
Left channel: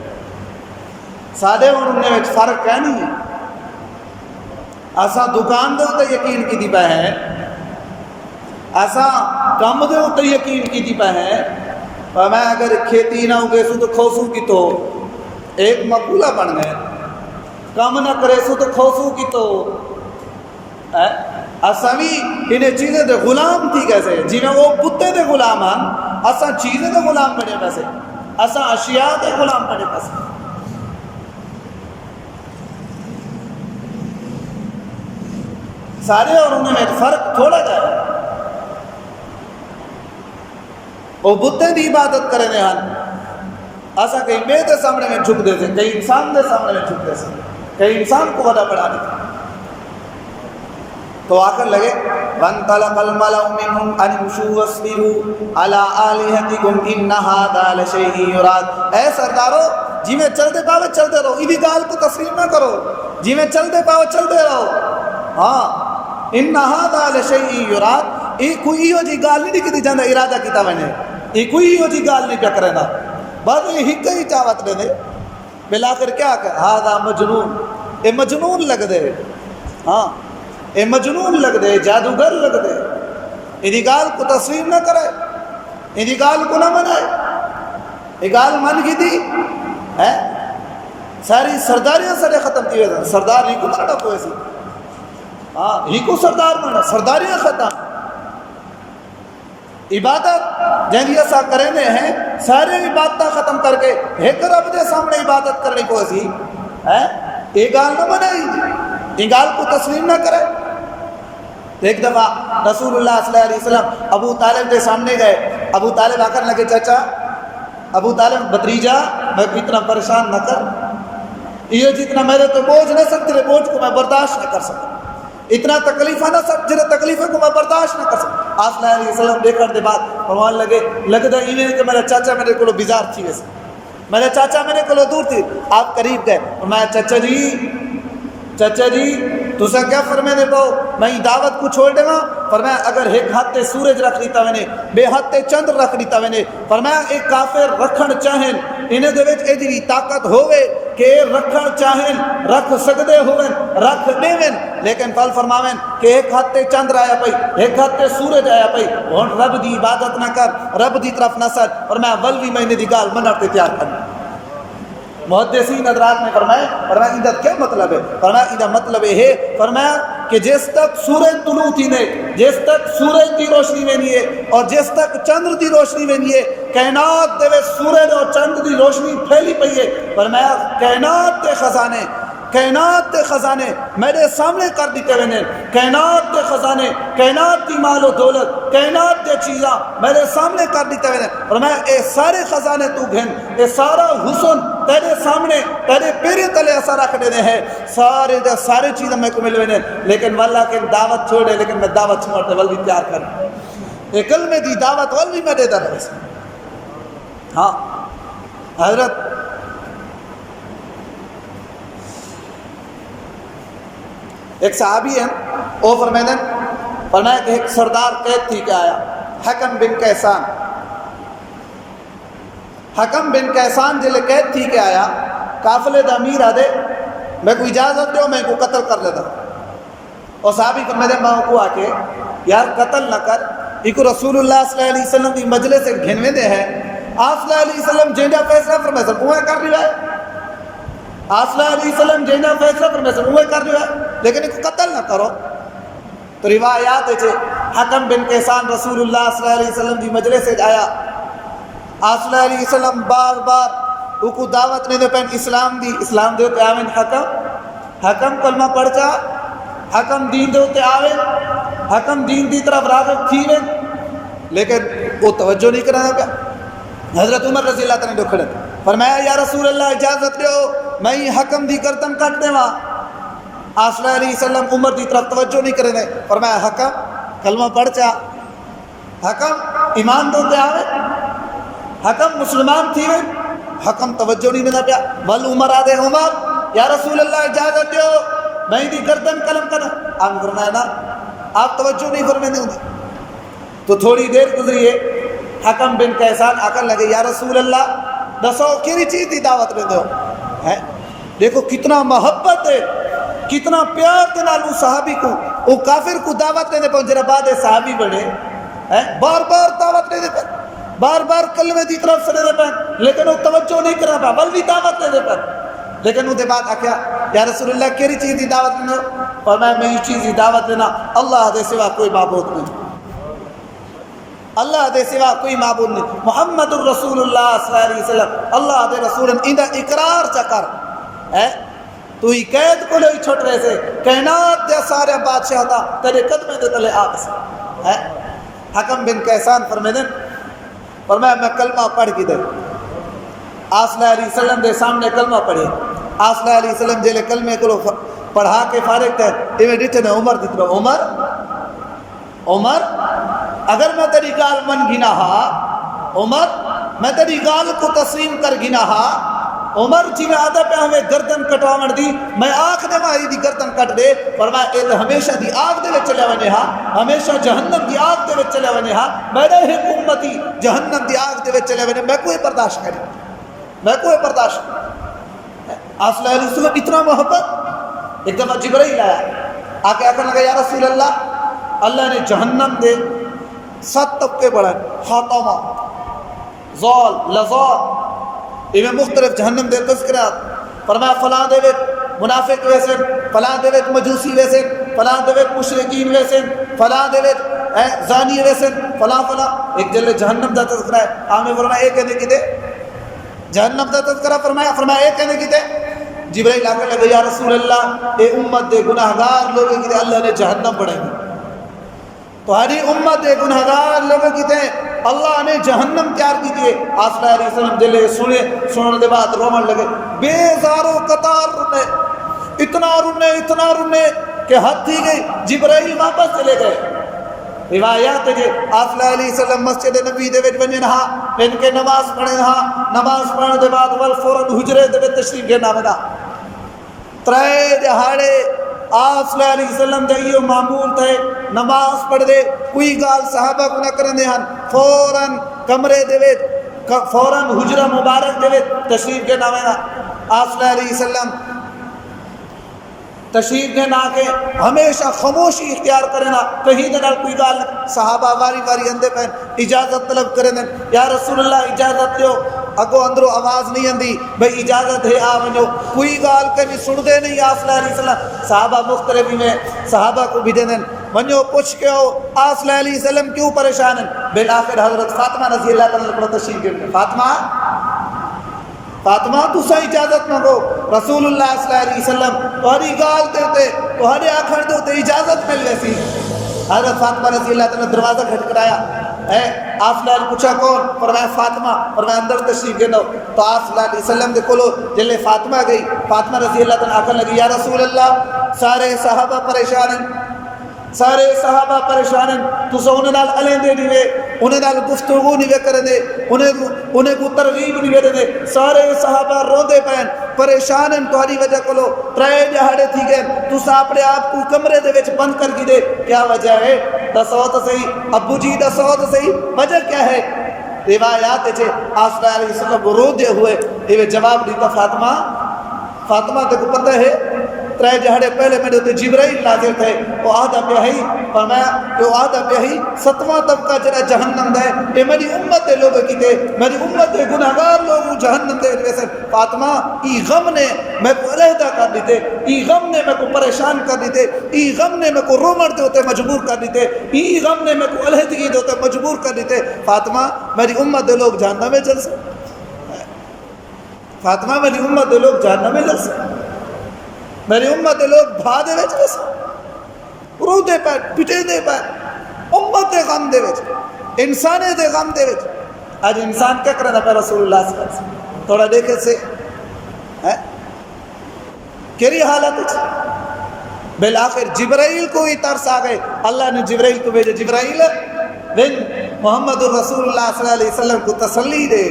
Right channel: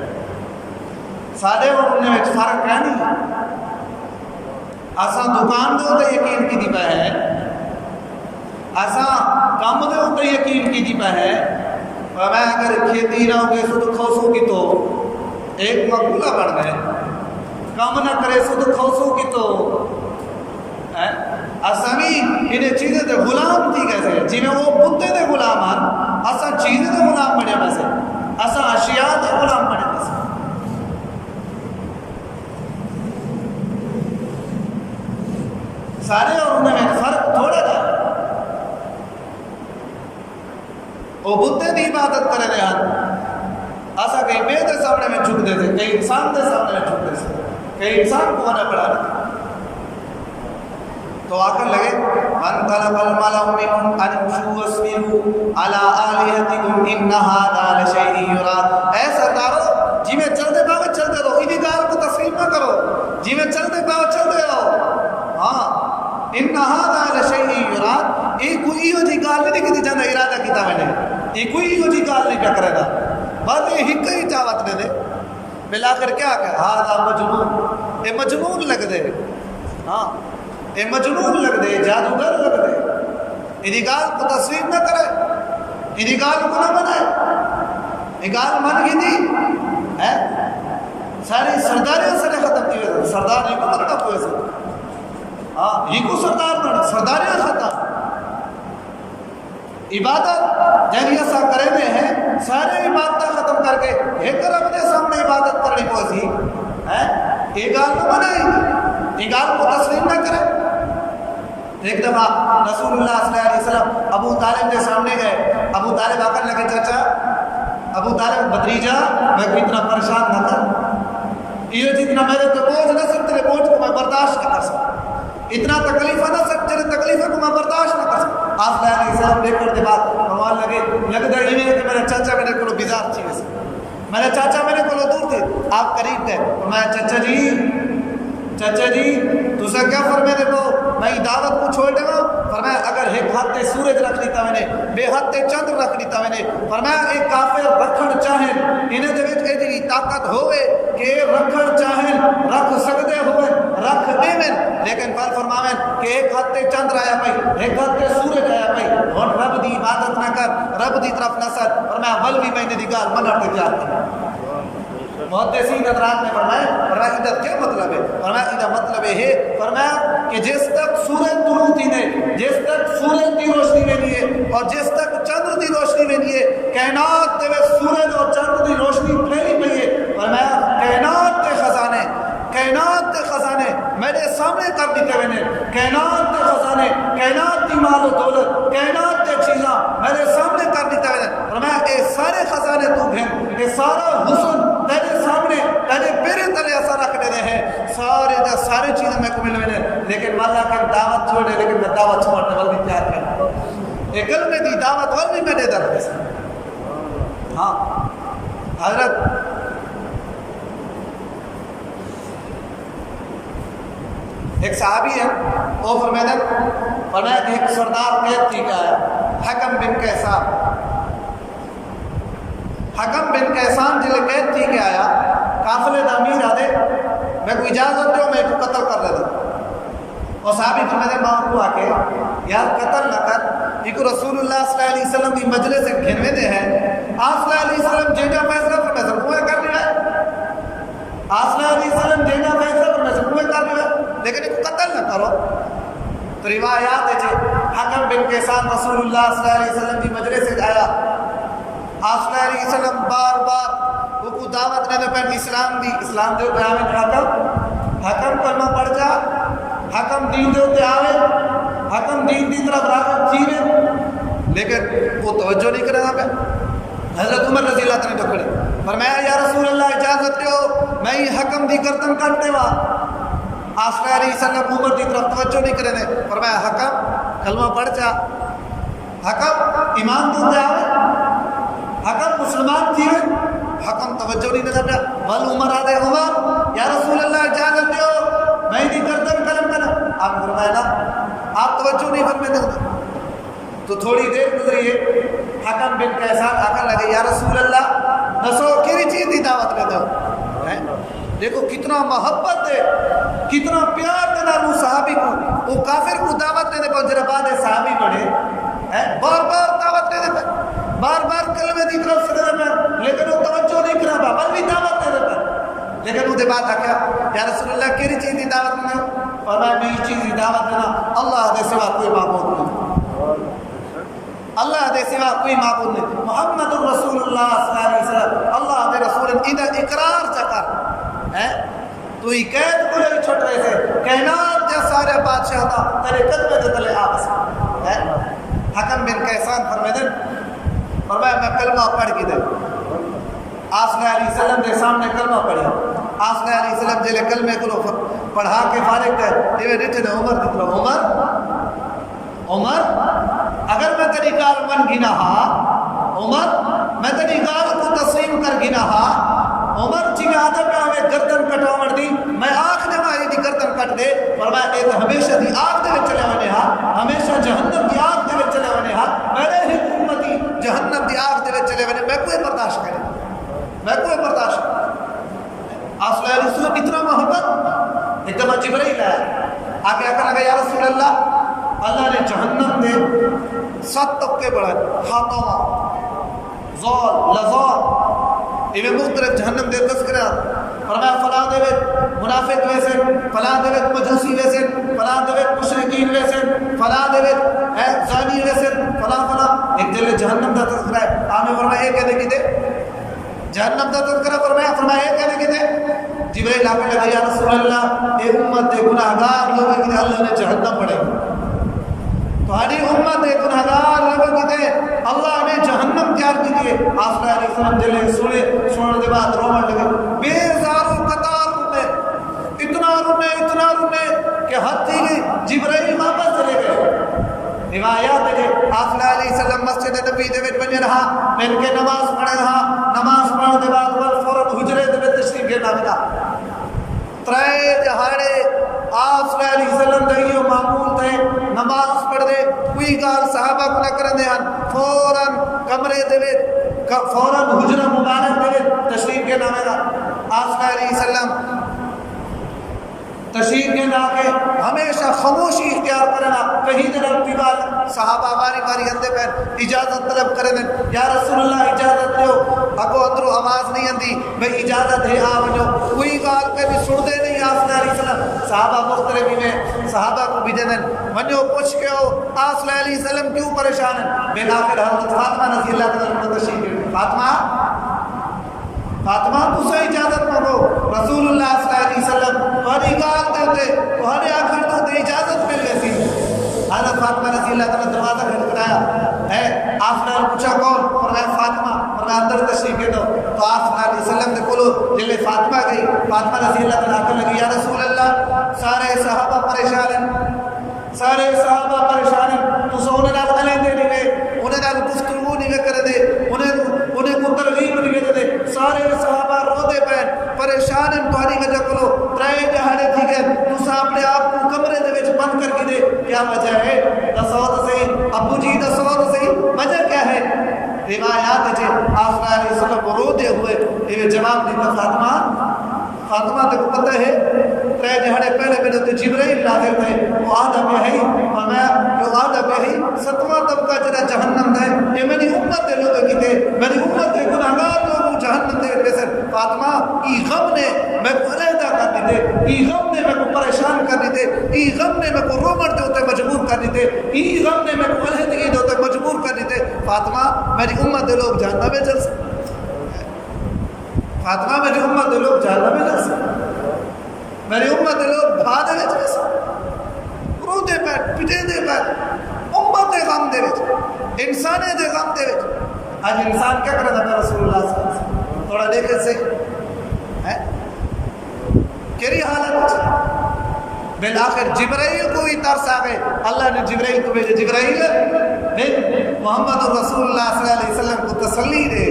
سادے انہوں نے فرق کیا نہیں ہے۔ اسا دکان دے اتے یقین کی دی پہ ہے، اسا کام دے اتے یقین کی دی پہ ہے، میں اگر کھیتی نہ ہوگے سو تو کھوسو کی تو ایک مقولہ بن گئے، کام نہ کرے سو تو کھوسو کی تو اسامی انہیں چیزیں دے غلام تھی کیسے، جنہیں وہ بتے دے غلام ہیں، اسا چیزیں دے غلام بنے پیسے، اسا اشیاء دے غلام بنے پیسے۔ سارے اور انہوں نے فرق تھوڑا جائے، وہ بتے دی عبادت کرنے ہیں، ایسا کہیں میں دے سامنے میں جھک دے سے، کئی انسان دے سامنے میں جھک دے سے، کئی انسان کو بڑا بڑا دیتے تو آ کر لگے وَانْطَلَقَ الْمَلَأُ مِنْهُمْ أَنِ امْشُوا وَاصْبِرُوا عَلَىٰ آلِهَتِكُمْ إِنَّ هَٰذَا لَشَيْءٌ يُرَادُ۔ اے سردارو جی میں چل دے پاؤ چل دے رہو، ادھی گال کو تسلیم نہ کرو، جی میں چل دے پاؤ چل دے رہو۔ ہاں إِنَّ هَٰذَا لَشَيْءٌ يُرَادُ، یہ کوئی ہو جی گال نہیں کی جانا ارادہ کیتا میں نے، یہ کوئی ہو جی گال نہیں پیا کرے گا، بس یہ ہی کئی چاوت دے دے بلا کر کیا کہ هَٰذَا مجنون، یہ مجنون لگ دے، ہاں اے مجنون لگ دے، جادوگر لگ دے، ادھی گال کو تسلیم نہ کرے، ادھی گال کو نہ منائے، یہ گال من کی دی ہے ساری سرداریاں سارے ختم کی ہوئے، سردار ہی کو مرنا کوئی سے، ہاں ہی کو سردار مرنا، سرداریاں ختم، عبادت جن ایسا کرنے ہیں سارے عبادتیں ختم کر کے ایک رب دے سامنے عبادت کرنی کوئی سی ہے، یہ گال نہ منائی، یہ گال کو تسلیم نہ کرے۔ ایک دفعہ رسول اللہ صلی اللہ علیہ وسلم ابو طالب کے سامنے گئے، ابو طالب آ کر لگے چچا، ابو طالب بھتیجا میں کو اتنا پریشان نہ کر، یہ جتنا میرے تو بوجھ نہ سکتے بوجھ کو میں برداشت نہ کر سکتا، اتنا تکلیفہ نہ سکتے جنہیں تکلیفہ کو میں برداشت نہ کر سکتا۔ آپ صلی اللہ علیہ وسلم دیکھ کر دے بات فرمان لگے لگتا ہے یہ کہ میرے چاچا میرے کو بیزار تھی، ویسے میرے چاچا میرے کو دور تھی، آپ قریب گئے میں چچا جی تسا کیا فرمے دے پو میں دعوت کو چھوڑ دے گا، فرمایا اگر ایک ہاتھ سورج رکھ دیتا میں نے، بے ہاتھ چندر رکھ دیتا میں نے، فرمایا ایک کافر رکھن چاہیں انہیں دے وچ ایدی طاقت ہوئے کہ رکھن چاہیں رکھ سکدے ہوئے رکھ دیویں، لیکن کل فرماویں کہ ایک ہاتھ چندر آیا پئی ایک ہاتھ سورج آیا پئی، ہن رب دی عبادت نہ کر، رب دی طرف نہ سر، فرمایا ولوی میں دی گال منع تے تیار کرنا۔ محدثین حضرات نے فرمایا ادھر کیا مطلب ہے؟ فرمایا ادھر مطلب یہ ہے، فرمایا کہ جس تک سورج طلوع تھی نے، جس تک سورج کی روشنی میں نہیں ہے اور جس تک چندر کی روشنی میں نہیں ہے، کائنات دے سورج اور چندر کی روشنی پھیلی پئی ہے، فرمایا کائنات کے خزانے میرے سامنے کر دیتے ہوئے نے، کائنات کے خزانے، کائنات کی مال و دولت، کائنات کے چیزاں میرے سامنے کر دیتے ہوئے نے، فرمایا اے سارے خزانے تو گھن، اے سارا حسن تیرے سامنے تیرے پیرے تلے ایسا رکھ دینے ہیں، سارے چیزیں میں کو ملے ہوئے، لیکن واللہ کہ دعوت چھوڑے، لیکن میں دعوت چھوڑتے ول بھی تیار کر ایک کلمے دی دعوت ول بھی میں دے در ہے۔ ہاں حضرت ایک صحابی ہے وہ فرمایا کہ ایک سردار قید تھی کہ آیا حکم بن کیسان جلے قید تھی کہ آیا قافلے دا امیر آدھے میں کو اجازت دے میں کو قتل کر لیتا، اور صحابی فرمایا ماں کو آ کے یار قتل نہ کر، ایک رسول اللہ صلی اللہ علیہ وسلم کی مجلس سے گھنوے دے ہیں، آپ صلی اللہ علیہ وسلم جینا فیصلہ فرمایا وہ کر لیا ہے، آپ صلی اللہ علیہ وسلم جینا فیصلہ فرمایا وہ کر لیا ہے، لیکن ایک قتل نہ کرو۔ تو روایات ہے حکم بن کیسان رسول اللہ صلی اللہ علیہ وسلم کی مجلس سے آیا، آپ صلی اللہ علیہ وسلم بار بار کو دعوت نے دے پہن اسلام دے ہوتے آوین حکم کلمہ پڑھ جا، حکم دین دے ہوتے آوین، حکم دین دی طرف راغب تھی وین، لیکن وہ توجہ نہیں کرنا پہ۔ حضرت عمر رضی اللہ عنہ نے کھڑے فرمایا یا رسول اللہ اجازت دیو میں یہ حکم دی کرتن کرتے وا، آپ صلی اللہ علیہ وسلم عمر دی طرف توجہ نہیں کرنے، فرمایا حکم کلمہ پڑھ جا، حکم ایمان دے ہوتے آوین، حکم مسلمان تھی وین، حکم توجہ نہیں دینا پیا، بل عمر آدھے عمر یا رسول اللہ اجازت دیو میں دی گردن قلم کرنا، آپ فرمایا نا آپ توجہ نہیں فرمائیں دیں۔ تو تھوڑی دیر گزری ہے حکم بن کیسان آ کر لگے یا رسول اللہ دسو کیری چیز دی دعوت میں دو، دیکھو کتنا محبت ہے، کتنا پیار دینا لو صحابی کو، وہ کافر کو دعوت دینے پر جرہ بعد صحابی بڑھے بار بار دعوت دینے پر، بار بار کلمے دی طرف سے دینے پر، لیکن وہ توجہ نہیں کرا پا بل بھی دعوت دینے پر، لیکن وہ دے بعد آکیا یا رسول اللہ کیری چیز دی دعوت میں دو، فرمایا میں یہ چیز دی دعوت دینا اللہ دے سوا کوئی معبود نہیں، اللہ دے سوا کوئی معبود نہیں، محمد الرسول اللہ صلی اللہ علیہ وسلم اللہ دے رسول اندہ اقرار چکر ہے، تو ہی قید کو لے چھوٹ رہے سے کائنات دے سارے بادشاہ دا تیرے قدمے دے تلے آپ سے ہے۔ حکم بن کیسان فرمائے میں کلمہ پڑھ کی دے، آپ صلی اللہ علیہ وسلم دے سامنے کلمہ پڑھے. آپ صلی اللہ علیہ وسلم جلے کلمے کو پڑھا کے فارغ تھے ایویں ڈٹھے نے عمر دترو عمر اگر میں تیری گال من گنا ہا عمر میں تیری گال کو تسلیم کر گنا ہا عمر جی میں آدھا پہ ہمیں گردن کٹواڑ دی میں آنکھ دے ماری دی گردن کٹ دے فرمایا اے تو ہمیشہ دی آگ دے چلے ونے ہا ہمیشہ جہنم دی آگ دے چلے ونے ہا میرے حکومتی جہنم دی آگ دے چلے ونے میں کوئی برداشت کرے میں کوئی برداشت آپ صلی اللہ علیہ وسلم اتنا محبت ایک دفعہ جبرائیل آیا آ کے آکر لگا یا رسول اللہ نے جہنم دے 7 طبقے بڑھائے خاتمہ زول لزول ایویں مختلف جہنم دے تذکرات فرمایا فلاں دے وچ منافق ویسے فلاں دے وچ مجوسی ویسے فلاں دے وچ مشرکین ویسے فلاں دے وچ زانی ویسے فلاں ایک جلے جہنم دا تذکرہ ہے آمیں فرمایا اے کہنے کی دے جہنم دا تذکرہ فرمایا اے کہنے کی دے جبرائیل آ کے لگا یا رسول اللہ اے امت دے گناہگار لوگوں کی دے اللہ نے جہنم بڑھائی تمہاری امت دے گناہگار لوگوں کی دے اللہ نے جہنم تیار کی دیے. آپ صلی اللہ علیہ وسلم جلے سننے دے بعد رومن لگے بیزاروں قطار اتنا رونے کہ حد تھی گئی. جبرائیل واپس چلے گئے. روایات ہے آپ صلی اللہ علیہ وسلم مسجد نبی دے وچ ونجن ہا ان کے نماز پڑھن ہا نماز پڑھن دے بعد فوراً حجرے دے وچ تشریف گھنا ونا ترے دہاڑے آپ صلی اللہ علیہ وسلم دے یہ معمول تھے نماز پڑھ دے کوئی گال صحابہ کو نہ کرنے ہن فوراً کمرے دے وچ فوراً حجرہ مبارک دے وچ تشریف کے نام ہے. آپ صلی اللہ علیہ وسلم تشریف کے نام کے ہمیشہ خاموشی اختیار کرنا کہیں دے نال کوئی گال صحابہ واری اندے پہن اجازت طلب کرنے یا رسول اللہ اجازت دیو اگو اندروں آواز نہیں اندی بھئی اجازت ہے آ ونجو کوئی گال کے بھی سن دے نہیں. آپ صلی اللہ علیہ وسلم صحابہ مختلفی میں صحابہ کو بھی دین ونجو پوچھ کے ہو آپ صلی اللہ علیہ وسلم کیوں پریشان ہیں. بالآخر حضرت فاطمہ رضی اللہ تعالیٰ تشریف گئے. فاطمہ تو سا اجازت مانگو رسول اللہ صلی اللہ علیہ وسلم تہاڈی گال دیتے تہاڈے آکھن دیتے اجازت مل سی. حضرت فاطمہ رضی اللہ تعالیٰ دروازہ کھٹکھٹایا ہے. آپ صلی اللہ علیہ پوچھا کون فرمایا فاطمہ فرمایا اندر تشریف گئے. تو آپ صلی اللہ علیہ وسلم دے کولو جلے فاطمہ گئی فاطمہ رضی اللہ تعالیٰ آکھن لگی یا رسول اللہ سارے صحابہ پریشان ہیں سارے صحابہ پریشان ہیں تو انہیں نال علیندے نہیں وے انہیں نال گفتگو نہیں وے کرے دے انہیں کو ترغیب نہیں وے دے. سارے صحابہ رو دے پین پریشان ہیں تمہاری وجہ کلو ترے دہاڑے تھی گئے تو اپنے آپ کو کمرے دے وچ بند کر کے دے کیا وجہ ہے دسو تو صحیح ابو جی دسو تو صحیح وجہ کیا ہے. روایات ہے آپ صلی اللہ علیہ وسلم کو رو دے ہوئے یہ جواب دیتا فاطمہ کو پتہ ہے ترے جہڑے پہلے میرے تو جبرائیل نازل تھے وہ آدھا بیہی فرمایا کہ وہ آدھا بیہی 7واں طبقہ جنہ جہنم دے یہ میری امت دے لوگ کی تھے میری امت دے گناہگار لوگ جہنم دے ویسے فاطمہ ای غم نے میں کو علیحدہ کر دیتے ای غم نے میں کو پریشان کر دیتے ای غم نے میں کو رومن دے ہوتے مجبور کر دیتے ای غم نے میں کو علیحدگی دے ہوتے مجبور کر دیتے. فاطمہ میری امت دے لوگ جہنم میں جل سکتے فاطمہ میری امت دے لوگ جہنم میں جل سکتے میری امت دے لوگ بھا دے وچ کیسا رو دے پیر پٹے دے پیر امت دے غم دے وچ انسانے دے غم دے وچ آج انسان کیا کرنا پہ رسول اللہ صلی اللہ علیہ وسلم تھوڑا دیکھے سے کیری حالت کچھ بالآخر جبرائیل کو ہی ترس آ گئے. اللہ نے جبرائیل کو بھیجے جبرائیل بن محمد الرسول اللہ صلی اللہ علیہ وسلم کو تسلی دے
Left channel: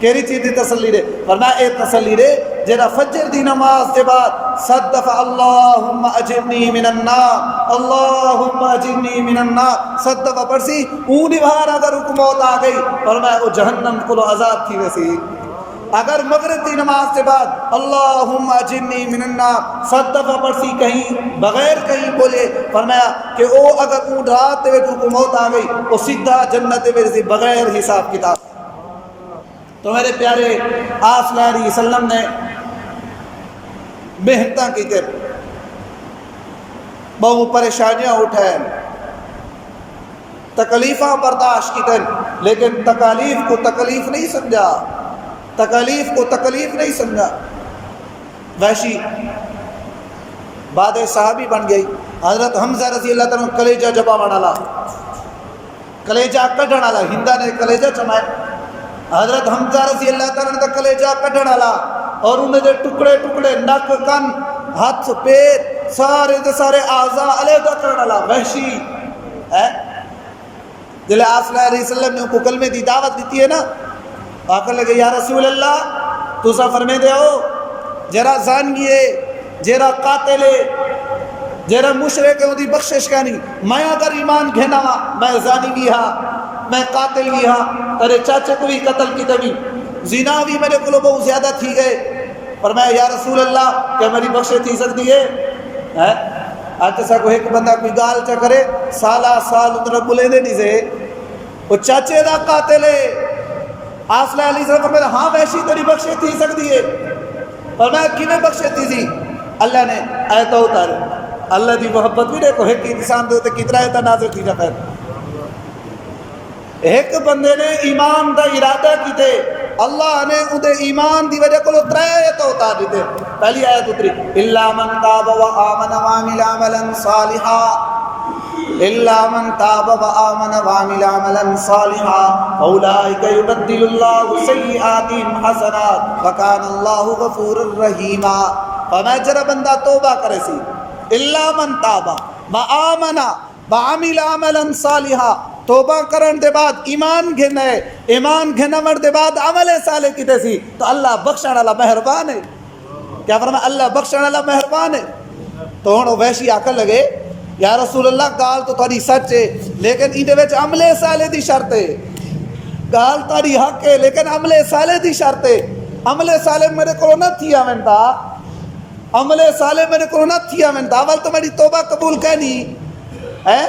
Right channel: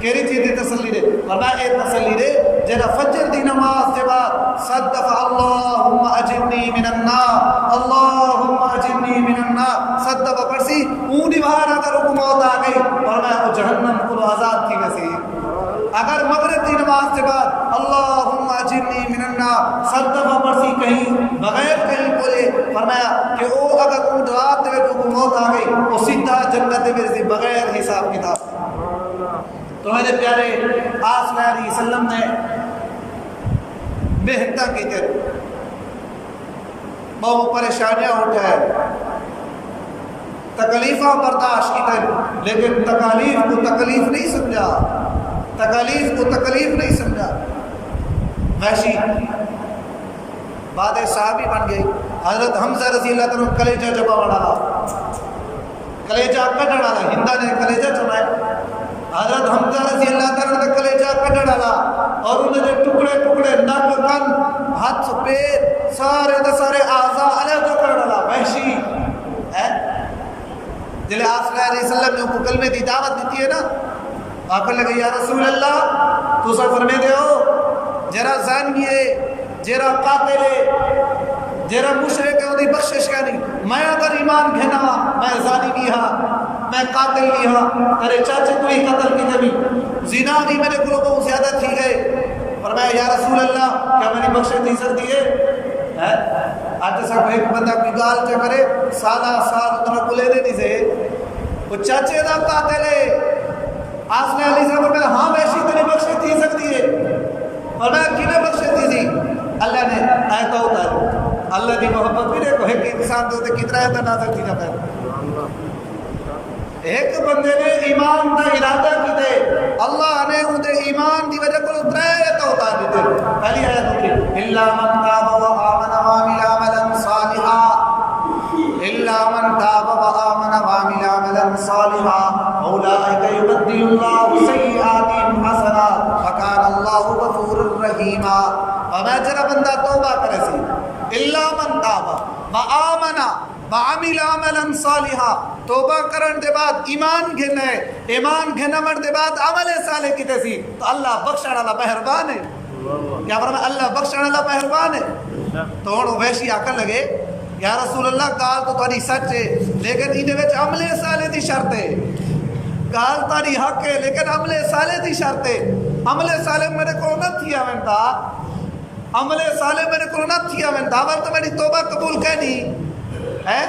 کیری چیز دی تسلی دے فرمایا اے تسلی دے جنہ فجر دی نماز کے بعد صدف اللہم اجرنی من النار اللہم اجرنی من النار صدف پرسی اونی بہار اگر حکومت آ گئی فرمایا او جہنم کو عذاب تھی ویسی. اگر مغرب دی نماز کے بعد اللہم اجرنی من النار صدف پرسی کہیں بغیر کہیں بولے فرمایا کہ او اگر اون رات دے حکومت آ گئی او سیدھا جنت میں بغیر حساب کتاب. تو میرے پیارے آپ صلی اللہ علیہ وسلم نے محنتاں کی تھے بہت پریشانیاں اٹھائے تکلیفاں برداشت کی تھے لیکن تکالیف کو تکلیف نہیں سمجھا تکالیف کو تکلیف نہیں سمجھا. وحشی بعد صحابی بن گئی حضرت حمزہ رضی اللہ تعالیٰ کلیجہ جبا بڑھالا کلیجہ کٹن والا ہندا نے کلیجہ چمائے حضرت حمزہ رضی اللہ تعالیٰ کا کلیجہ کڈن والا اور انہیں دے ٹکڑے ٹکڑے نک کن ہاتھ پیر سارے دے سارے اعضاء علیحدہ کرن والا وحشی ہے جلے آپ صلی اللہ علیہ وسلم نے ان کو کلمے دی دعوت دیتی ہے نا آخر لگے یا رسول اللہ تو سا فرمے دے ہو جرا زانگی ہے جرا قاتل ہے جرا مشرک ہے وہ دی بخشش کرنی میں اگر ایمان گھنا میں زانی بھی ہاں میں قاتل بھی ہاں ترے چاچے کو بھی قتل کی تبھی زنا بھی میرے کلو بہت زیادہ تھی گئے پر میں یا رسول اللہ کیا میری بخشے تھی سکتی ہے آج جیسا کوئی ایک بندہ کوئی گال چا کرے سالہ سال اتنا بلے دے نہیں سے وہ چاچے دا قاتل ہے آسلہ علیہ السلام فرمائے ہاں ویسی تیری بخشے تھی سکتی ہے اور میں کینے بخشے تھی تھی اللہ نے آیتہ اتاری اللہ دی محبت بھی دیکھو ایک انسان دے ہوتے کتنا آیتہ نازل تھی جاتا ہے ایک بندے نے ایمان دا ارادہ کی تھے اللہ نے انہیں ایمان دی وجہ کو ترے آیتہ اتار دیتے پہلی آیت اتری اللہ من تاب و آمن وعمل عملا صالحا إلا من تاب وآمن وعمل عملا صالحا أولئك يبدل الله سيئاتهم حسنات وكان الله غفورا رحيما فما جرى بندہ توبہ کرے سی إلا من تاب وآمن وعمل عملا صالحا توبہ کرن دے بعد ایمان گھنے ایمان گھنور دے بعد عمل صالح کی سی تو اللہ بخشن والا مہربان ہے کیا فرمایا اللہ بخشن والا مہربان ہے تو ہن ویسی آکر لگے یا رسول اللہ گال تو تاری سچ ہے لیکن ایدے وچ عمل صالح دی شرط ہے گال تاری حق ہے لیکن عمل صالح دی شرط ہے عمل صالح میرے کو نہ تھی آمنتا عمل صالح میرے کو نہ تھی آمنتا اول تو میری توبہ قبول کہنی ہے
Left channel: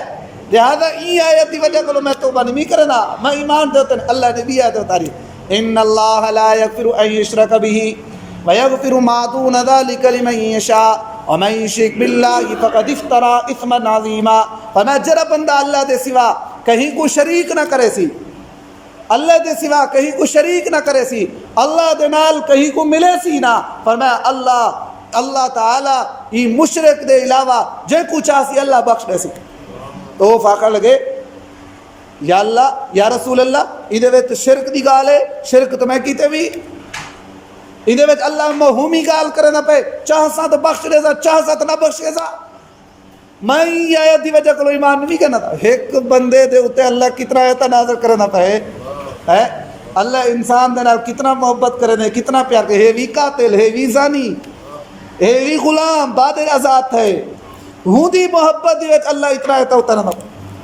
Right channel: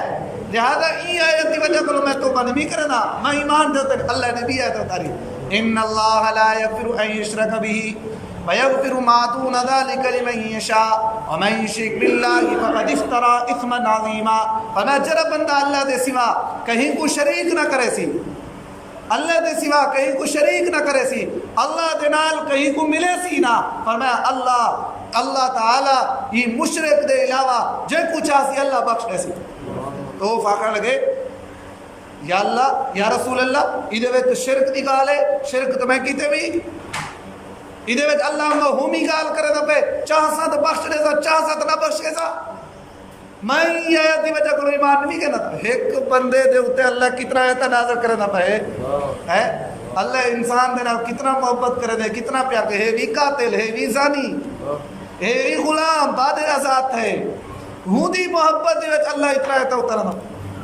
لہذا ای آیت دی وجہ کو میں توبہ نہیں کرنا میں ایمان دیتے ہیں اللہ نے بھی آیت اتاری ان اللہ لا یغفر ان یشرک به ویغفر ما دون ذلك لمن یشاء ومن یشرک باللہ فقد افترى اثما عظیما فرمایا جرا بندہ اللہ دے سوا کہیں کو شریک نہ کرے سی اللہ دے سوا کہیں کو شریک نہ کرے سی اللہ دے نال کہیں کو ملے سی نہ فرمایا اللہ تعالی یہ مشرک دے علاوہ جے کو چاہ سی اللہ بخش دے سی تو فاقہ لگے یا اللہ یا رسول اللہ ادھے ویت شرک دی گال ہے شرک تو میں کیتے بھی ادھے ویت اللہ مہومی گال کرے نہ پہ چاہ سا تو بخش دے سا چاہ سا تو نہ بخش دے سا میں یہ آیت دی وجہ کو ایمان نہیں کرنا تھا ایک بندے دے ہوتے اللہ کتنا آیتہ نازل کرے نہ پہ اللہ انسان دے نال کتنا محبت کرے نے کتنا پیار کرے ہے وی قاتل ہے وی زانی ہے وی غلام بادر آزاد ہے ہوں دی محبت دی وجہ اللہ اتنا آیتہ اتنا نہ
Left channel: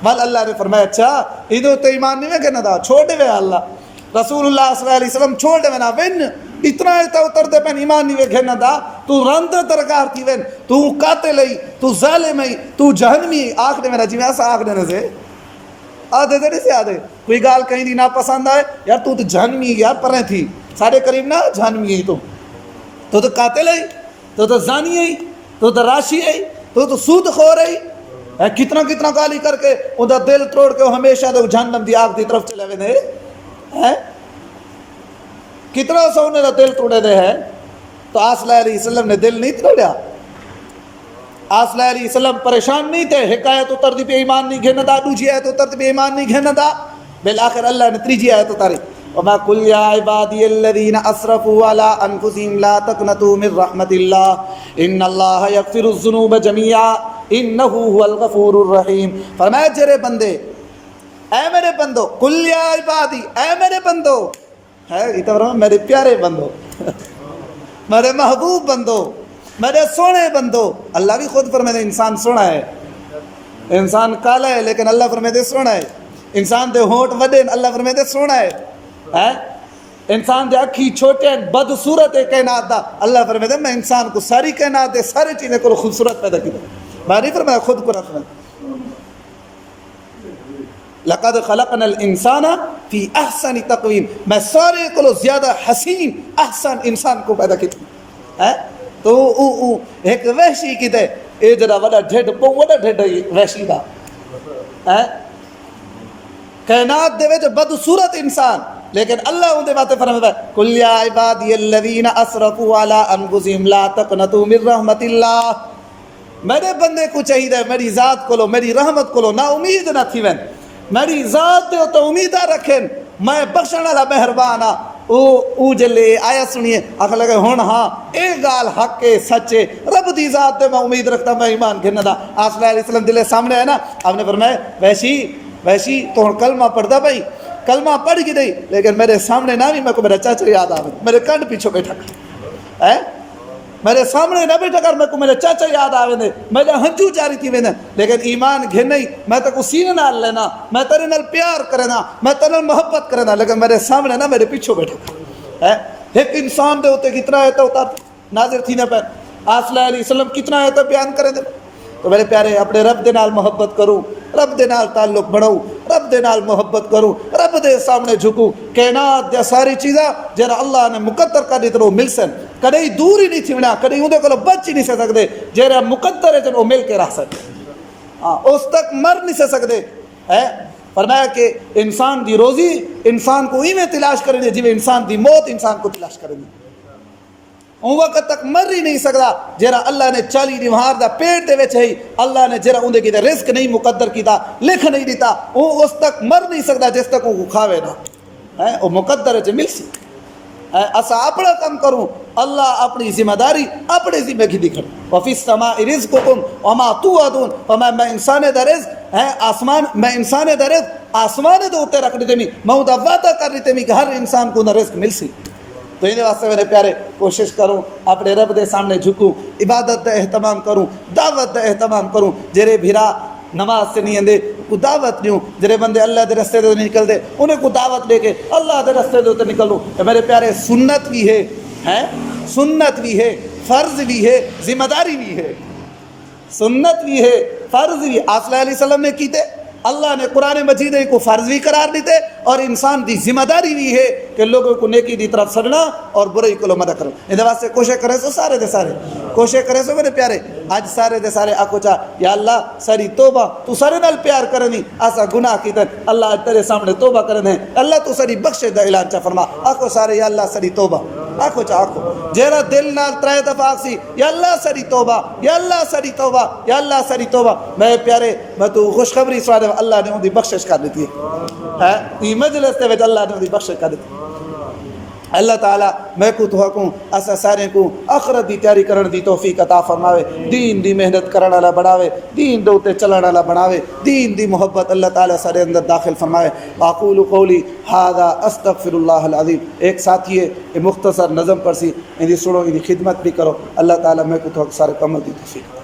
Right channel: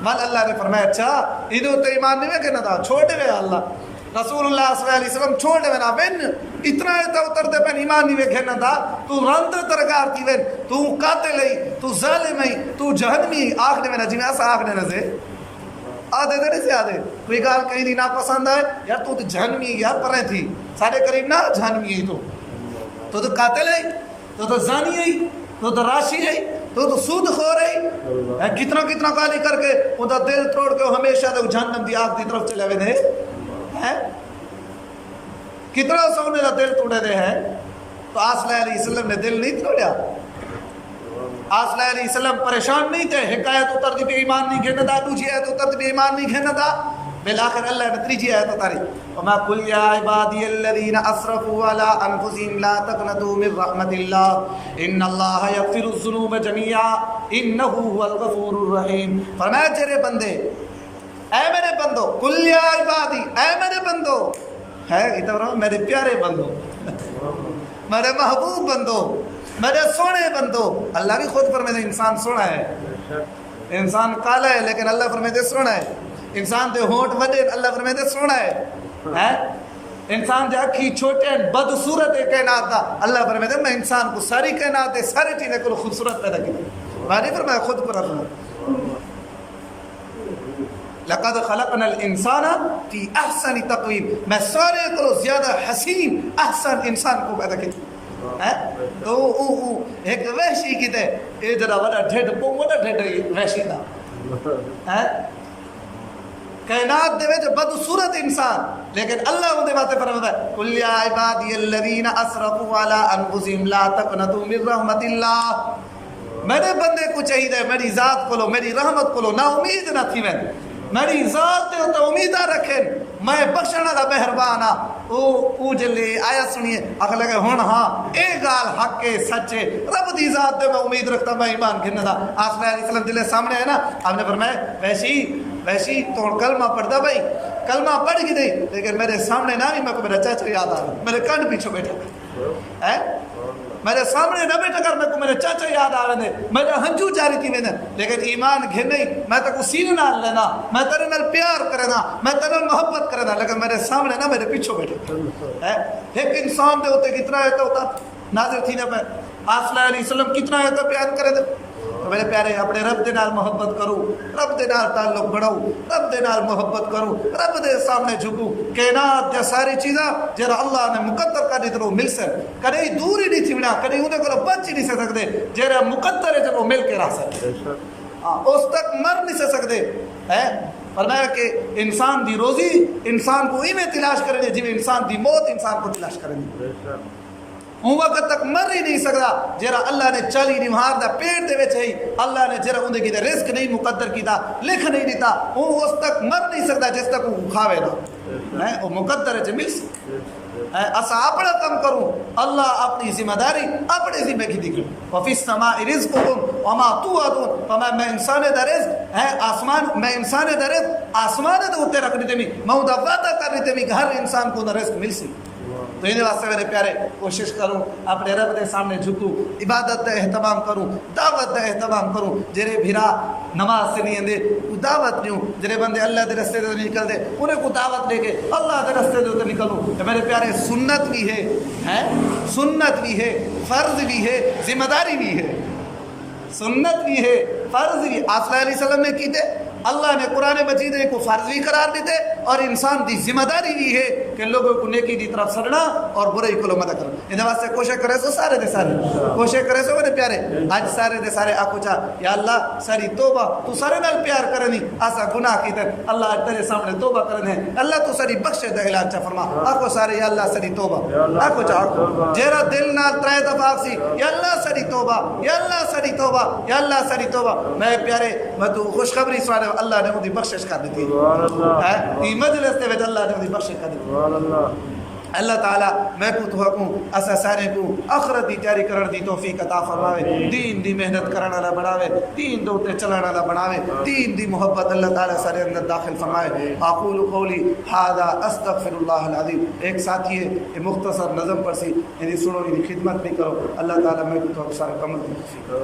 مال اللہ نے فرمایا اچھا ادھو تو ایمان نہیں کرنا تھا چھوڑ دے اللہ رسول اللہ صلی اللہ علیہ وسلم چھوڑ دے نا بن اتنا ایتا اتر دے پین ایمان نہیں گھرنا دا تو رند ترکار تھی وین تو قاتل ہی تو ظالم ہی تو جہنمی آخ دے میں جی میں ایسا آخ دینے سے آدھے دے نہیں سے آدھے کوئی گال کہیں دی نا پسند آئے یار تو جہنمی یار پرہیں تھی سارے قریب نا جہنمی ہی تو قاتل ہے تو زانی ہے تو راشی ہے تو سود خور ہے کتنا کتنا گالی کر کے اندھا دل توڑ کے ہمیشہ دے جہنم دی آگ دی طرف چلے ہوئے ہیں کتنا سو نے دل توڑے دے ہیں تو آصلی علیہ السلام نے دل نہیں توڑیا آصلی علیہ السلام پریشان نہیں تھے حکایت اتر دی پہ ایمان نہیں گھننا دا دوجی آیت اتر دی پہ ایمان نہیں گھننا دا بالآخر اللہ نے تریجی آیت اتاری وَمَا قُلْ يَا عِبَادِيَ الَّذِينَ أَسْرَفُوا عَلَىٰ أَنفُسِهِمْ لَا تَقْنَطُوا مِنْ رَحْمَةِ اللَّهِ إِنَّ اللَّهَ يَغْفِرُ الذُّنُوبَ جَمِيعًا إِنَّهُ هُوَ الْغَفُورُ الرَّحِيمُ فرمایا جرے بندے اے میرے بندو قُلْ يَا عِبَادِي اے میرے بندو ہے یہ تو میرے پیارے بندو میرے محبوب بندو میرے سونے بندو اللہ بھی خود فرمائے انسان سونا ہے انسان کالا ہے لیکن اللہ فرمائے سونا ہے انسان دے ہونٹ وڈے اللہ فرمائے سونا ہے انسان دے اکھی چھوٹے بد صورت کائنات دا اللہ فرمائے میں انسان کو ساری کائنات دے ساری چیزیں کو خوبصورت پیدا کی میں نہیں فرمایا خود کو رکھنا لقد خلقنا الانسان فی احسن تقویم میں سارے کو زیادہ حسین احسن انسان کو پیدا کیا تو ایک وحشی کی تے اے جڑا وڈا ڈھڈ پو وڈا ڈھڈ وحشی دا کائنات دے وچ بد صورت انسان لیکن اللہ اون دے واتے فرماتا ہے قل یا عبادی الذین اسرفوا علی انفسہم لا تقنطوا من رحمت اللہ میرے بندے کو چاہیے میری ذات کو لو میری رحمت کو لو نا امید نہ تھی وین میری ذات تے امید رکھیں میں بخشن والا مہربان ہاں او جلے آیا سنیے آخر لگے ہون ہاں اے گال حق ہے سچے رب دی ذات دے میں امید رکھتا میں ایمان گھننا دا آصف علیہ السلام دلے سامنے آئے نا آپ نے فرمایا ویسی تو ہن کلمہ پڑھ دا بھائی کلمہ پڑھ گی نہیں لیکن میرے سامنے نہ بھی میں کو میرا چاچا یاد آ میرے کنڈ پیچھو بیٹھا ہے میرے سامنے نہ بیٹھا کر میں کو میرے چاچا یاد آوے نے میرا ہنجو جاری تھی وینا لیکن ایمان گھن نہیں میں تے کو سینے نال لینا میں تیرے نال پیار کرنا میں تیرے نال محبت کرنا لیکن میرے سامنے نہ میرے پیچھو بیٹھے ایک انسان دے ہوتے کتنا ہے تو ناظر تھی نہ پہ آصف علیہ السلام کتنا ہے تو بیان کرے دے تو میرے پیارے اپنے رب دے نال محبت کروں رب دے نال تعلق بڑھاؤں رب دے نال محبت کروں رب دے سامنے جھکوں کائنات دے ساری چیزاں جرا اللہ نے مقدر کر دی تو مل سن کدی دور ہی نہیں تھی بنا کدی اندے کو بچ ہی نہیں سکتے جرا مقدر ہے جب وہ مل کے رہ سکتے اس تک مر نہیں سکتے ہے فرمایا کہ انسان دی روزی انسان کو ہی میں تلاش کریں گے جی انسان دی موت انسان کو تلاش کریں گے ان وقت تک مر ہی نہیں سکتا جرا اللہ نے چالی نمہار دا پیٹ دے وچ ہے اللہ نے جرا اندے کی رزق نہیں مقدر کیتا لکھ نہیں دیتا وہ اس تک مر نہیں سکتا جس تک وہ کھاوے نہ ہے وہ مقدر ہے جو مل سکتا اسا اپنا کم کروں اللہ اپنی ذمہ داری اپنے ذمہ کی دکھے وفی السماء رزقکم وما توعدون وما میں انسان دا رزق ہے آسمان میں انسان دا رزق آسمان دے اوتے رکھ دیتے می میں دا وعدہ کر دیتے می کہ ہر انسان کو نہ رزق مل سی تو ان واسطے میرے پیارے کوشش کروں اپنے رب دے سامنے جھکوں عبادت دا اہتمام کروں دعوت دا اہتمام کروں جرے بھرا نماز سے نہیں اندے کو دعوت دیوں جرے بندے اللہ دے رستے دے نکل دے انہیں کو دعوت دے کے اللہ دے رستے دے نکلوں میرے پیارے سنت بھی ہے سنت بھی ہے فرض بھی ہے ذمہ داری بھی ہے سنت بھی ہے فرض بھی آصف علیہ السلام نے کی تھے اللہ نے قرآن مجید کو فرض بھی قرار دیتے اور انسان دی ذمہ داری بھی ہے کہ لوگوں کو نیکی دی طرف سڑنا اور برائی کو مدد کرنا ان واسطے کوشش کرے سو سارے دے سارے کوشش کرے سو میرے پیارے آج سارے دے سارے آکو چاہ یا اللہ ساری توبہ تو سارے نال پیار کرنی آسا گناہ کی تر اللہ تیرے سامنے توبہ کرنے اللہ تو ساری بخشے دا اعلان چاہ فرما آکو سارے یا اللہ ساری توبہ آکو چاہ آکو جیرا دل نال ترائے دفعہ سی یا اللہ ساری توبہ یا اللہ ساری توبہ یا اللہ ساری توبہ میرے پیارے میں تو خوشخبری سوائے اللہ نے ان دی بخشش کر دیتی ہے یہ مجلس دے وچ اللہ نے ان دی بخشش کر دیتی اللہ تعالیٰ میں کو تو حکم اسا سارے کو آخرت دی تیاری کرن دی توفیق عطا فرماوے دین دی محنت کرن والا بڑھاوے دین دے اوتے چلن والا بناوے دین دی محبت اللہ تعالیٰ سارے اندر داخل فرمائے اقول قولی ھذا استغفر اللہ العظیم ایک ساتھی ہے مختصر نظم پر سی ان دی سنو ان دی خدمت بھی کرو اللہ تعالیٰ میں کو تو سارے کم دی توفیق